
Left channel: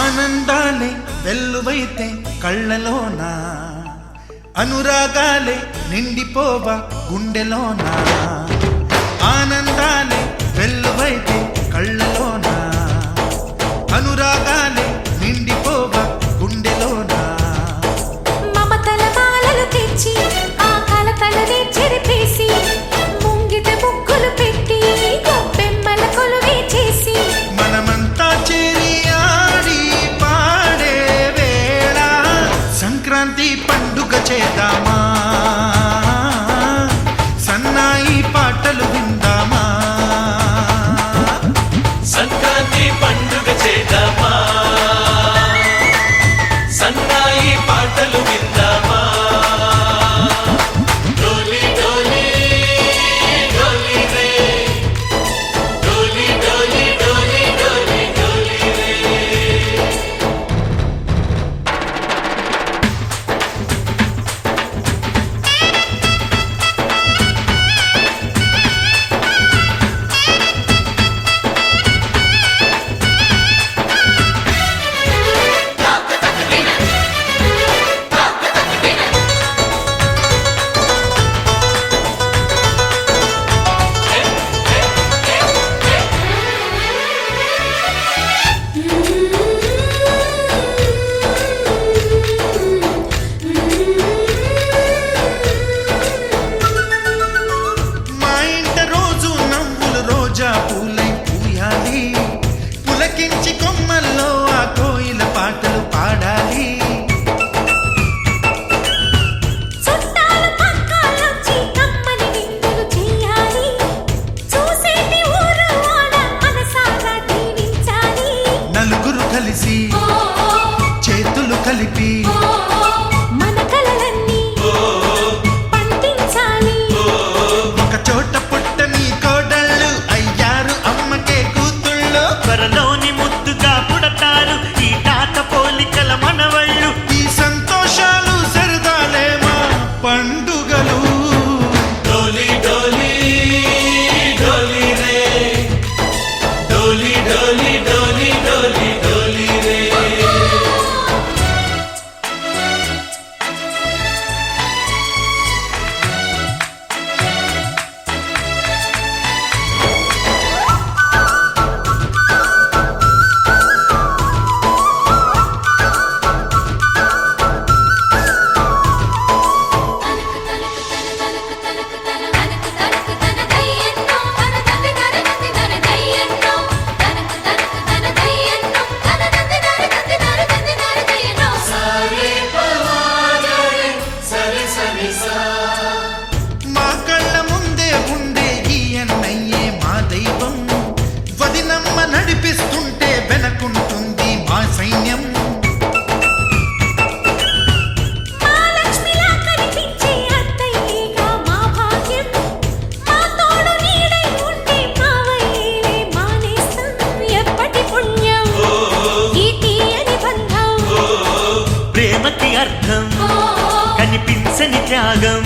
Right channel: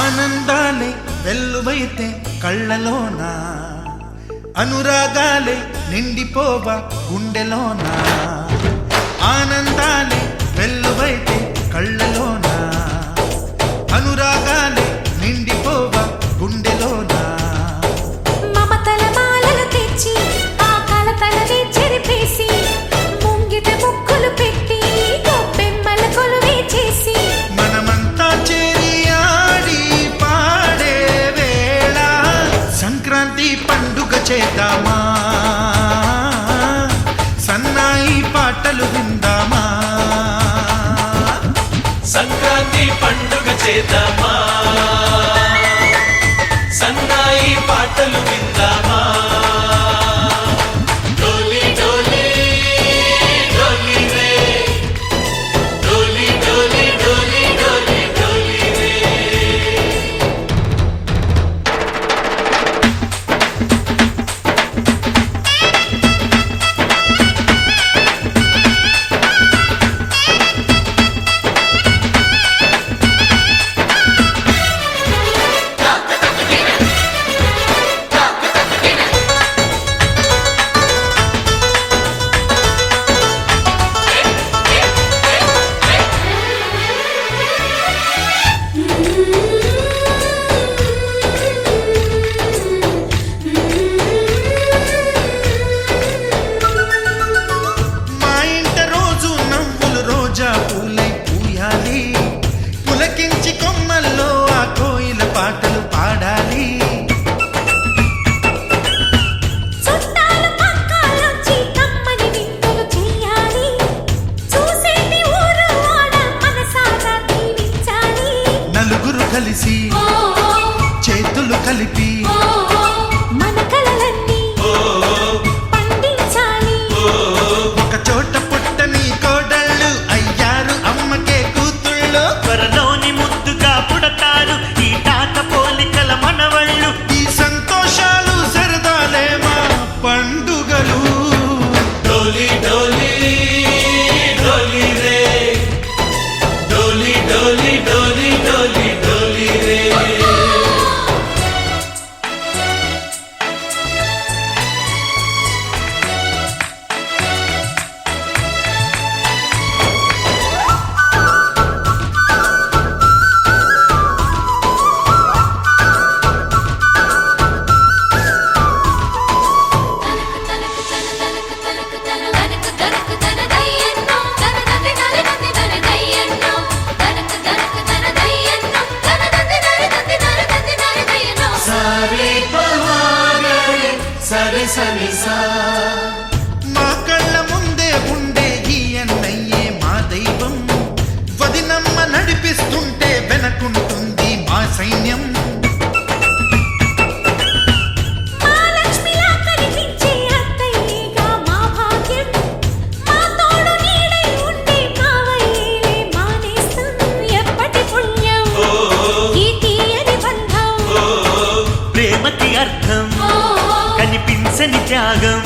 ఆనందాలే వెల్లువైతే కళ్ళలోన, అనురాగాలే నిండిపోవా గుండెలోన. ఆనందాలే వెల్లువైతే కళ్ళలోన, అనురాగాలే నిండిపోవా గుండెలోన. మమతల మాలలు తెచ్చి ఆ కలతలనే చెరిపేసి ముంగిట ముగ్గులు పెట్టి గొప్పెమ్మల కొలువే చేసి మనమంతా చేరి ఆడి పాడే వేళ సంక్రాంతి పండుగ చేద్దామా, సన్నాయి పాటలు విందామా. సంక్రాంతి పండుగ చేద్దామా, సన్నాయి పాటలు విందామా. డోలి డోలి డోలి రే, డోలి డోలి డోలి డోలి డోలి రే. మా ఇంట రోజు నవ్వులు రోజా పూలై పూయాలి, పులకించి కొమ్మల్లో ఆ కోయిల పాటలు పాడాలి. చుట్టాలు పక్కాలొచ్చి కమ్మని విందులు చెయ్యాలి, చూసేటి ఊరు వాడ మనసారా దీవించాలి. నలుగురు కలిసి చేతులు కలిపి మన కలలన్నీ పండించాలి. ఒక చోట పుట్టని కోడళ్ళు అయ్యారు అమ్మకే కూతుళ్ళు. త్వరలోని ముద్దుగా పుడతారు ఈ తాత పోలికల మనవళ్ళు. ఈ సంతోషాలు సరదాలే మా పండుగలు. డోలి డోలి డోలి రే, డోలి డోలి డోలి డోలి డోలి రే. సరే సరే సా. మా కళ్ళ ముందే ఉండే ఈ అన్నయ్యే మా దైవం. వదినమ్మ నడిపిస్తుంటే వెనకుంటుంది మా సైన్యం. మా లక్ష్మిలా కనిపించే అత్తయ్యేగా మా భాగ్యం, మా తోడు నీడై ఉండే మావయ్యేలే మా నేస్తం. ఎప్పటి పుణ్యం ఈ తీయని బంధం, ప్రేమకి అర్థం కనిపించని త్యాగం.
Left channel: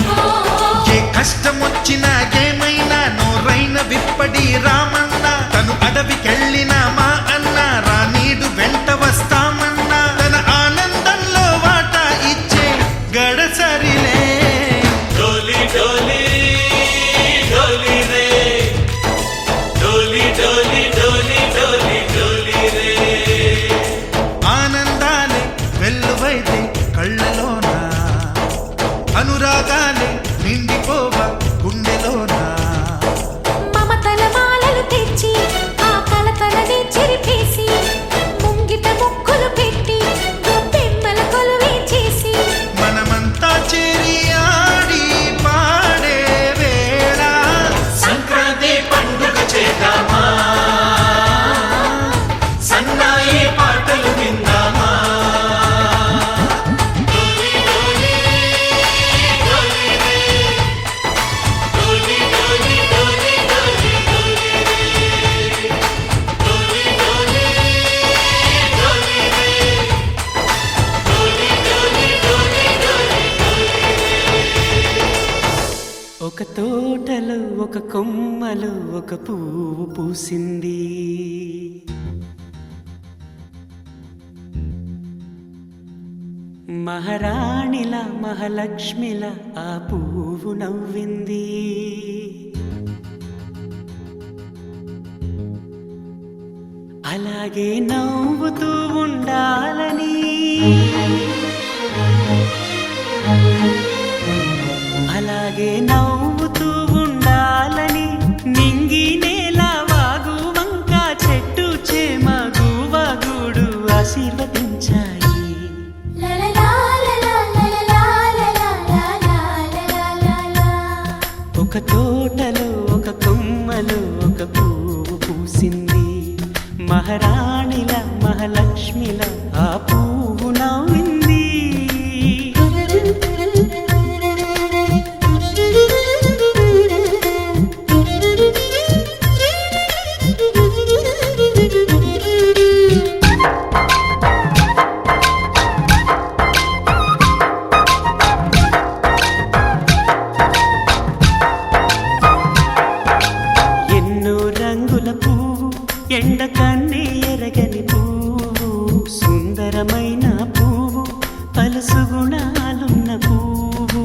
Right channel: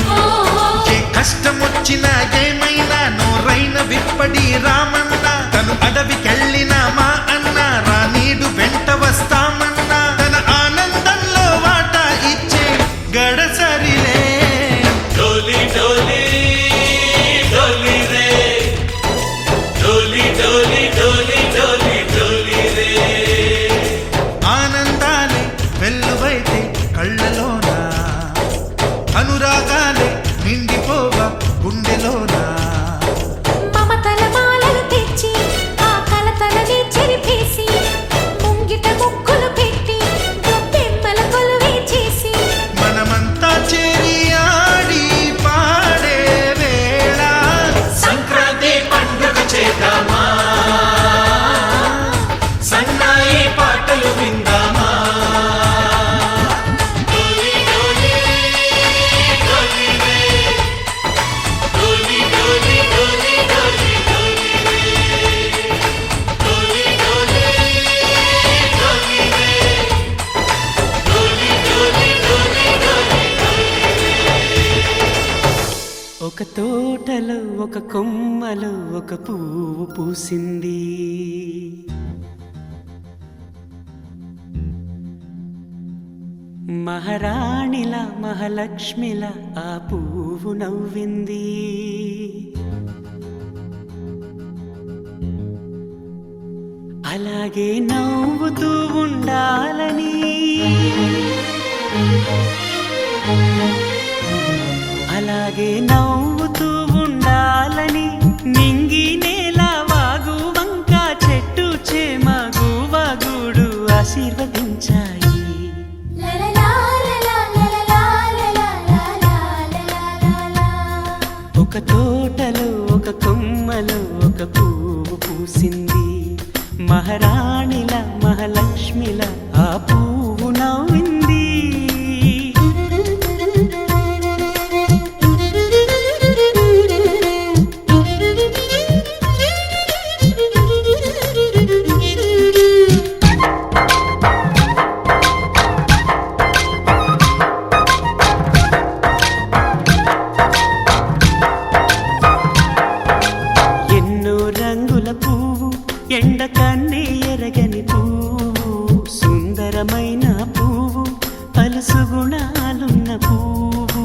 ఏ కష్టం వచ్చినా ఏమైనా నోరైన విప్పడి రామన్న. తను అడవికెళ్ళిన మా అన్న రానీడు వెంట వస్తామన్నా. తన ఆనందంలో వాటా ఇచ్చే గడసరిలే. డోలి డోలి డోలి రే, డోలి డోలి డోలి డోలి డోలి రే. ఆనందాలే వెల్లువైతే కళ్ళలోన, అనురాగాలే నిండిపోవా గుండెలోన. మమతల మాలలు తెచ్చి ఆ కలతలనే చెరిపేసి ముంగిట ముగ్గులు పెట్టి గొప్పెమ్మల కొలువే చేసి మనమంతా చేరి ఆడి పాడే వేళ సంక్రాంతి పండుగ చేద్దామా, సన్నాయి పాటలు విందామా. డోలి డోలి డోలి రే, డోలి డోలి డోలి డోలి డోలి రే, డోలి డోలి డోలి రే, డోలి డోలి డోలి డోలి డోలి రే. ఒక తోటలో ఒక కొమ్మలో ఒక పువ్వు పూసింది, మహారాణిల మహాలక్ష్మిల ఆ పువ్వు నవ్వింది. అలాగే నవ్వుతూ ఉండాలని, అలాగే నవ్వుతూ ఉండాలని నింగి నేల వాగు వంక చెట్టు చేమ గువగుడు ఆశీర్వదించాయి. ఒక తోటలో ఒక కొమ్మలో ఒక పువ్వు పూసింది. మహారాణిల మహాలక్ష్మిల ఆ పువ్వు నవ్వింది. ఎన్నో రంగుల పువ్వు, ఎండ కన్నే ఎరగని పువ్వు, సుందరమైన పువ్వు, పలుసు గుణాలున్న పువ్వు,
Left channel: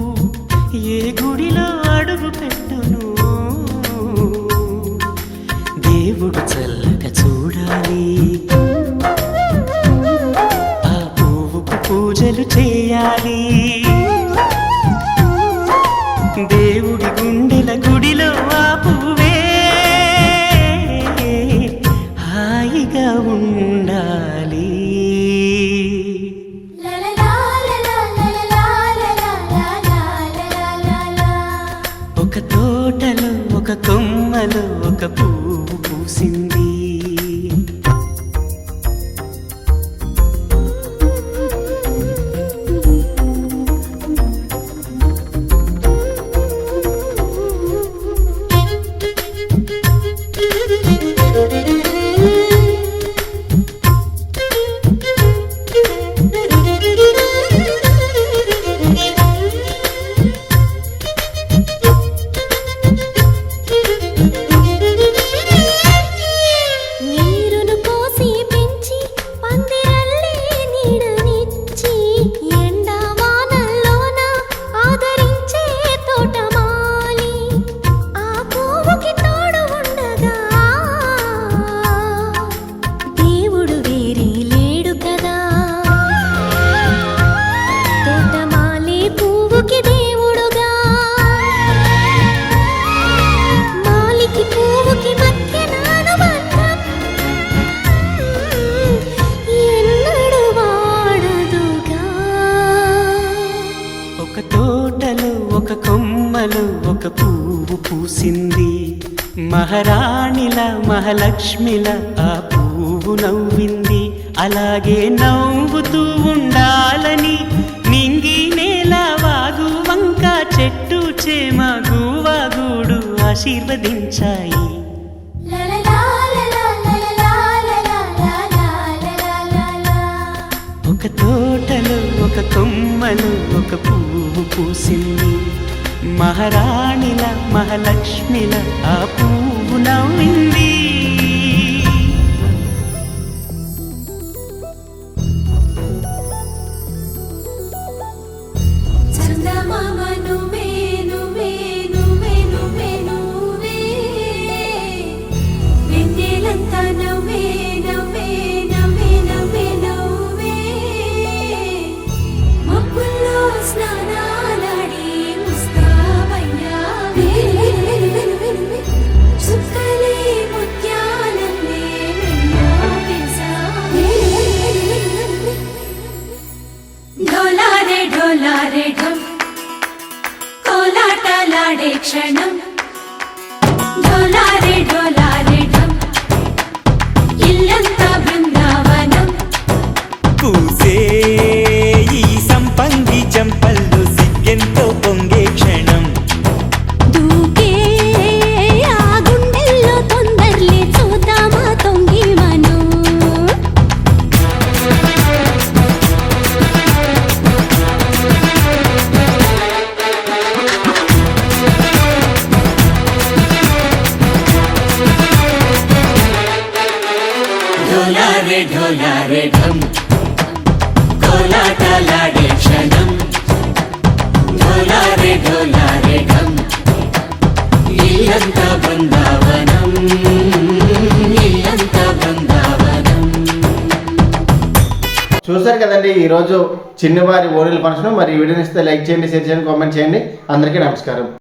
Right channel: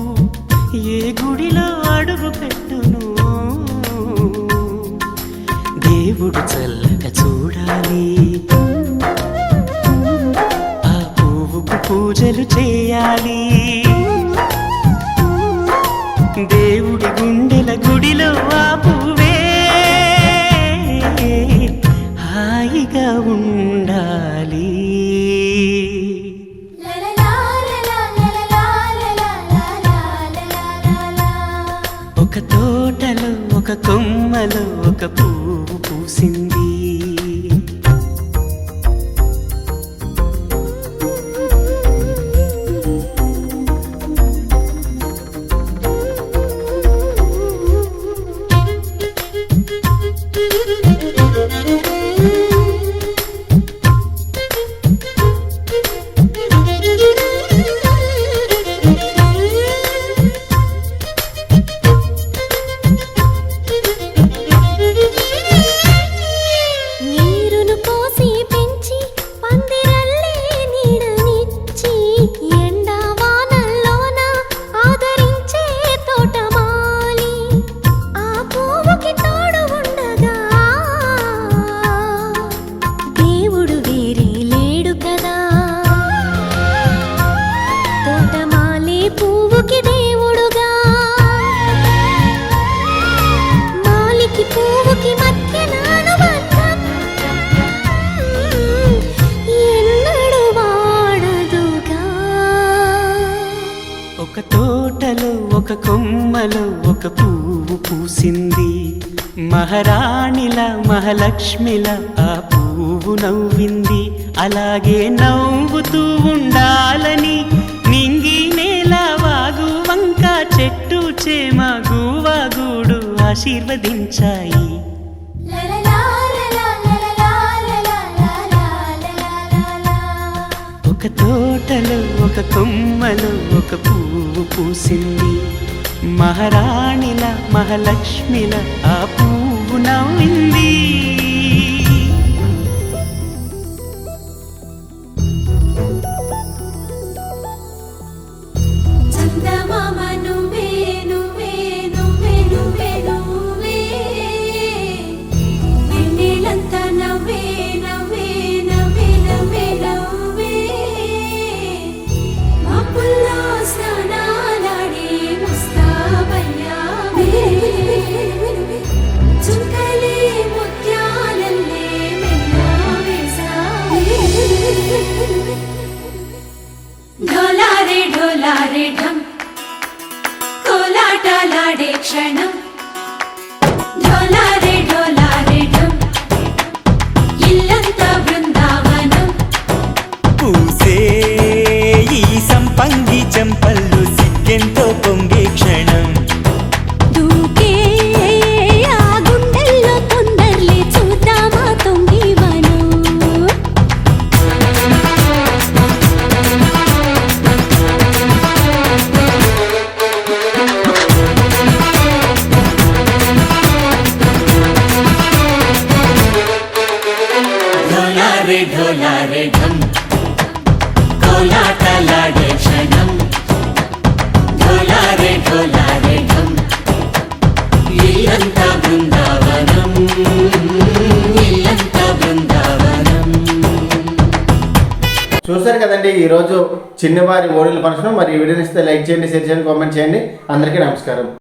ఏ గుడిలో అడుగు పెట్టును దేవుడు చల్లగా చూడాలి. ఆ పువ్వుకు పూజలు చేయాలి. దేవుడి గుండెల గుడిలో ఆ పువ్వే హాయిగా ఉండాలి. ఒక తోటలో ఒక కొమ్మలో ఒక పువ్వు పూసింది. నీరును పోసి పెంచి పందిరల్లే నీడనిచ్చి ఎండా వానల్లోన ఆదరించే తోటమాలి ఆ పువ్వుకి తోడు ఉండగా దేవుడు వేరే లేడు కదా. తోటమాలి పువ్వుకి దేవుడుగా, మాలికి పువ్వుకి మధ్య నానుబంధం ఎన్నడు వాడదుగా. ఒక తోటలో ఒక కొమ్మలో ఒక పువ్వు పూసింది. మహారాణిల మహాలక్ష్మిల ఆ పువ్వు నవ్వింది. అలాగే నవ్వుతూ ఉండాలని నింగి నేల వాగు వంక చెట్టు చేమ గువగుడు ఆశీర్వదించాయి. ఒక తోటలో ఒక కొమ్మలో ఒక పువ్వు పూసింది. మహారాణిల మహాలక్ష్మిల ఆ పువ్వు నవ్వింది. చందమామ నువ్వే నువ్వే నువ్వే నువ్వే నువ్వే, వెన్నెలంతా నవ్వే నవ్వే నవ్వే నవ్వే నవ్వే, మబ్బుల్లో స్నానాలాడి ముస్తాబయ్యావే, చుక్కలే ముత్యాలల్లే మెరిసావే. ढोलारे ढोलारे ढम कोलाटलाडे क्षणं, ढोलारे ढोलारे ढम इल्लंता बृंदावनं. పూసే ఈ సంపంగి చెంపల్లో సిగ్గెంతో పొంగే క్షణం. దూకే ఆ గుండెల్లో తొందరలే చూద్దామా తొంగి మనం. ढोलारे ढोलारे ढम कोलाटलाडे చూసారు కదండి ఈరోజు చిన్నవారి ఓణీల ఫంక్షన్. మరి ఈ వీడియోని ఇస్తే లైక్ చేయండి, షేర్ చేయండి, కామెంట్ చేయండి. అందరికీ నమస్కారం.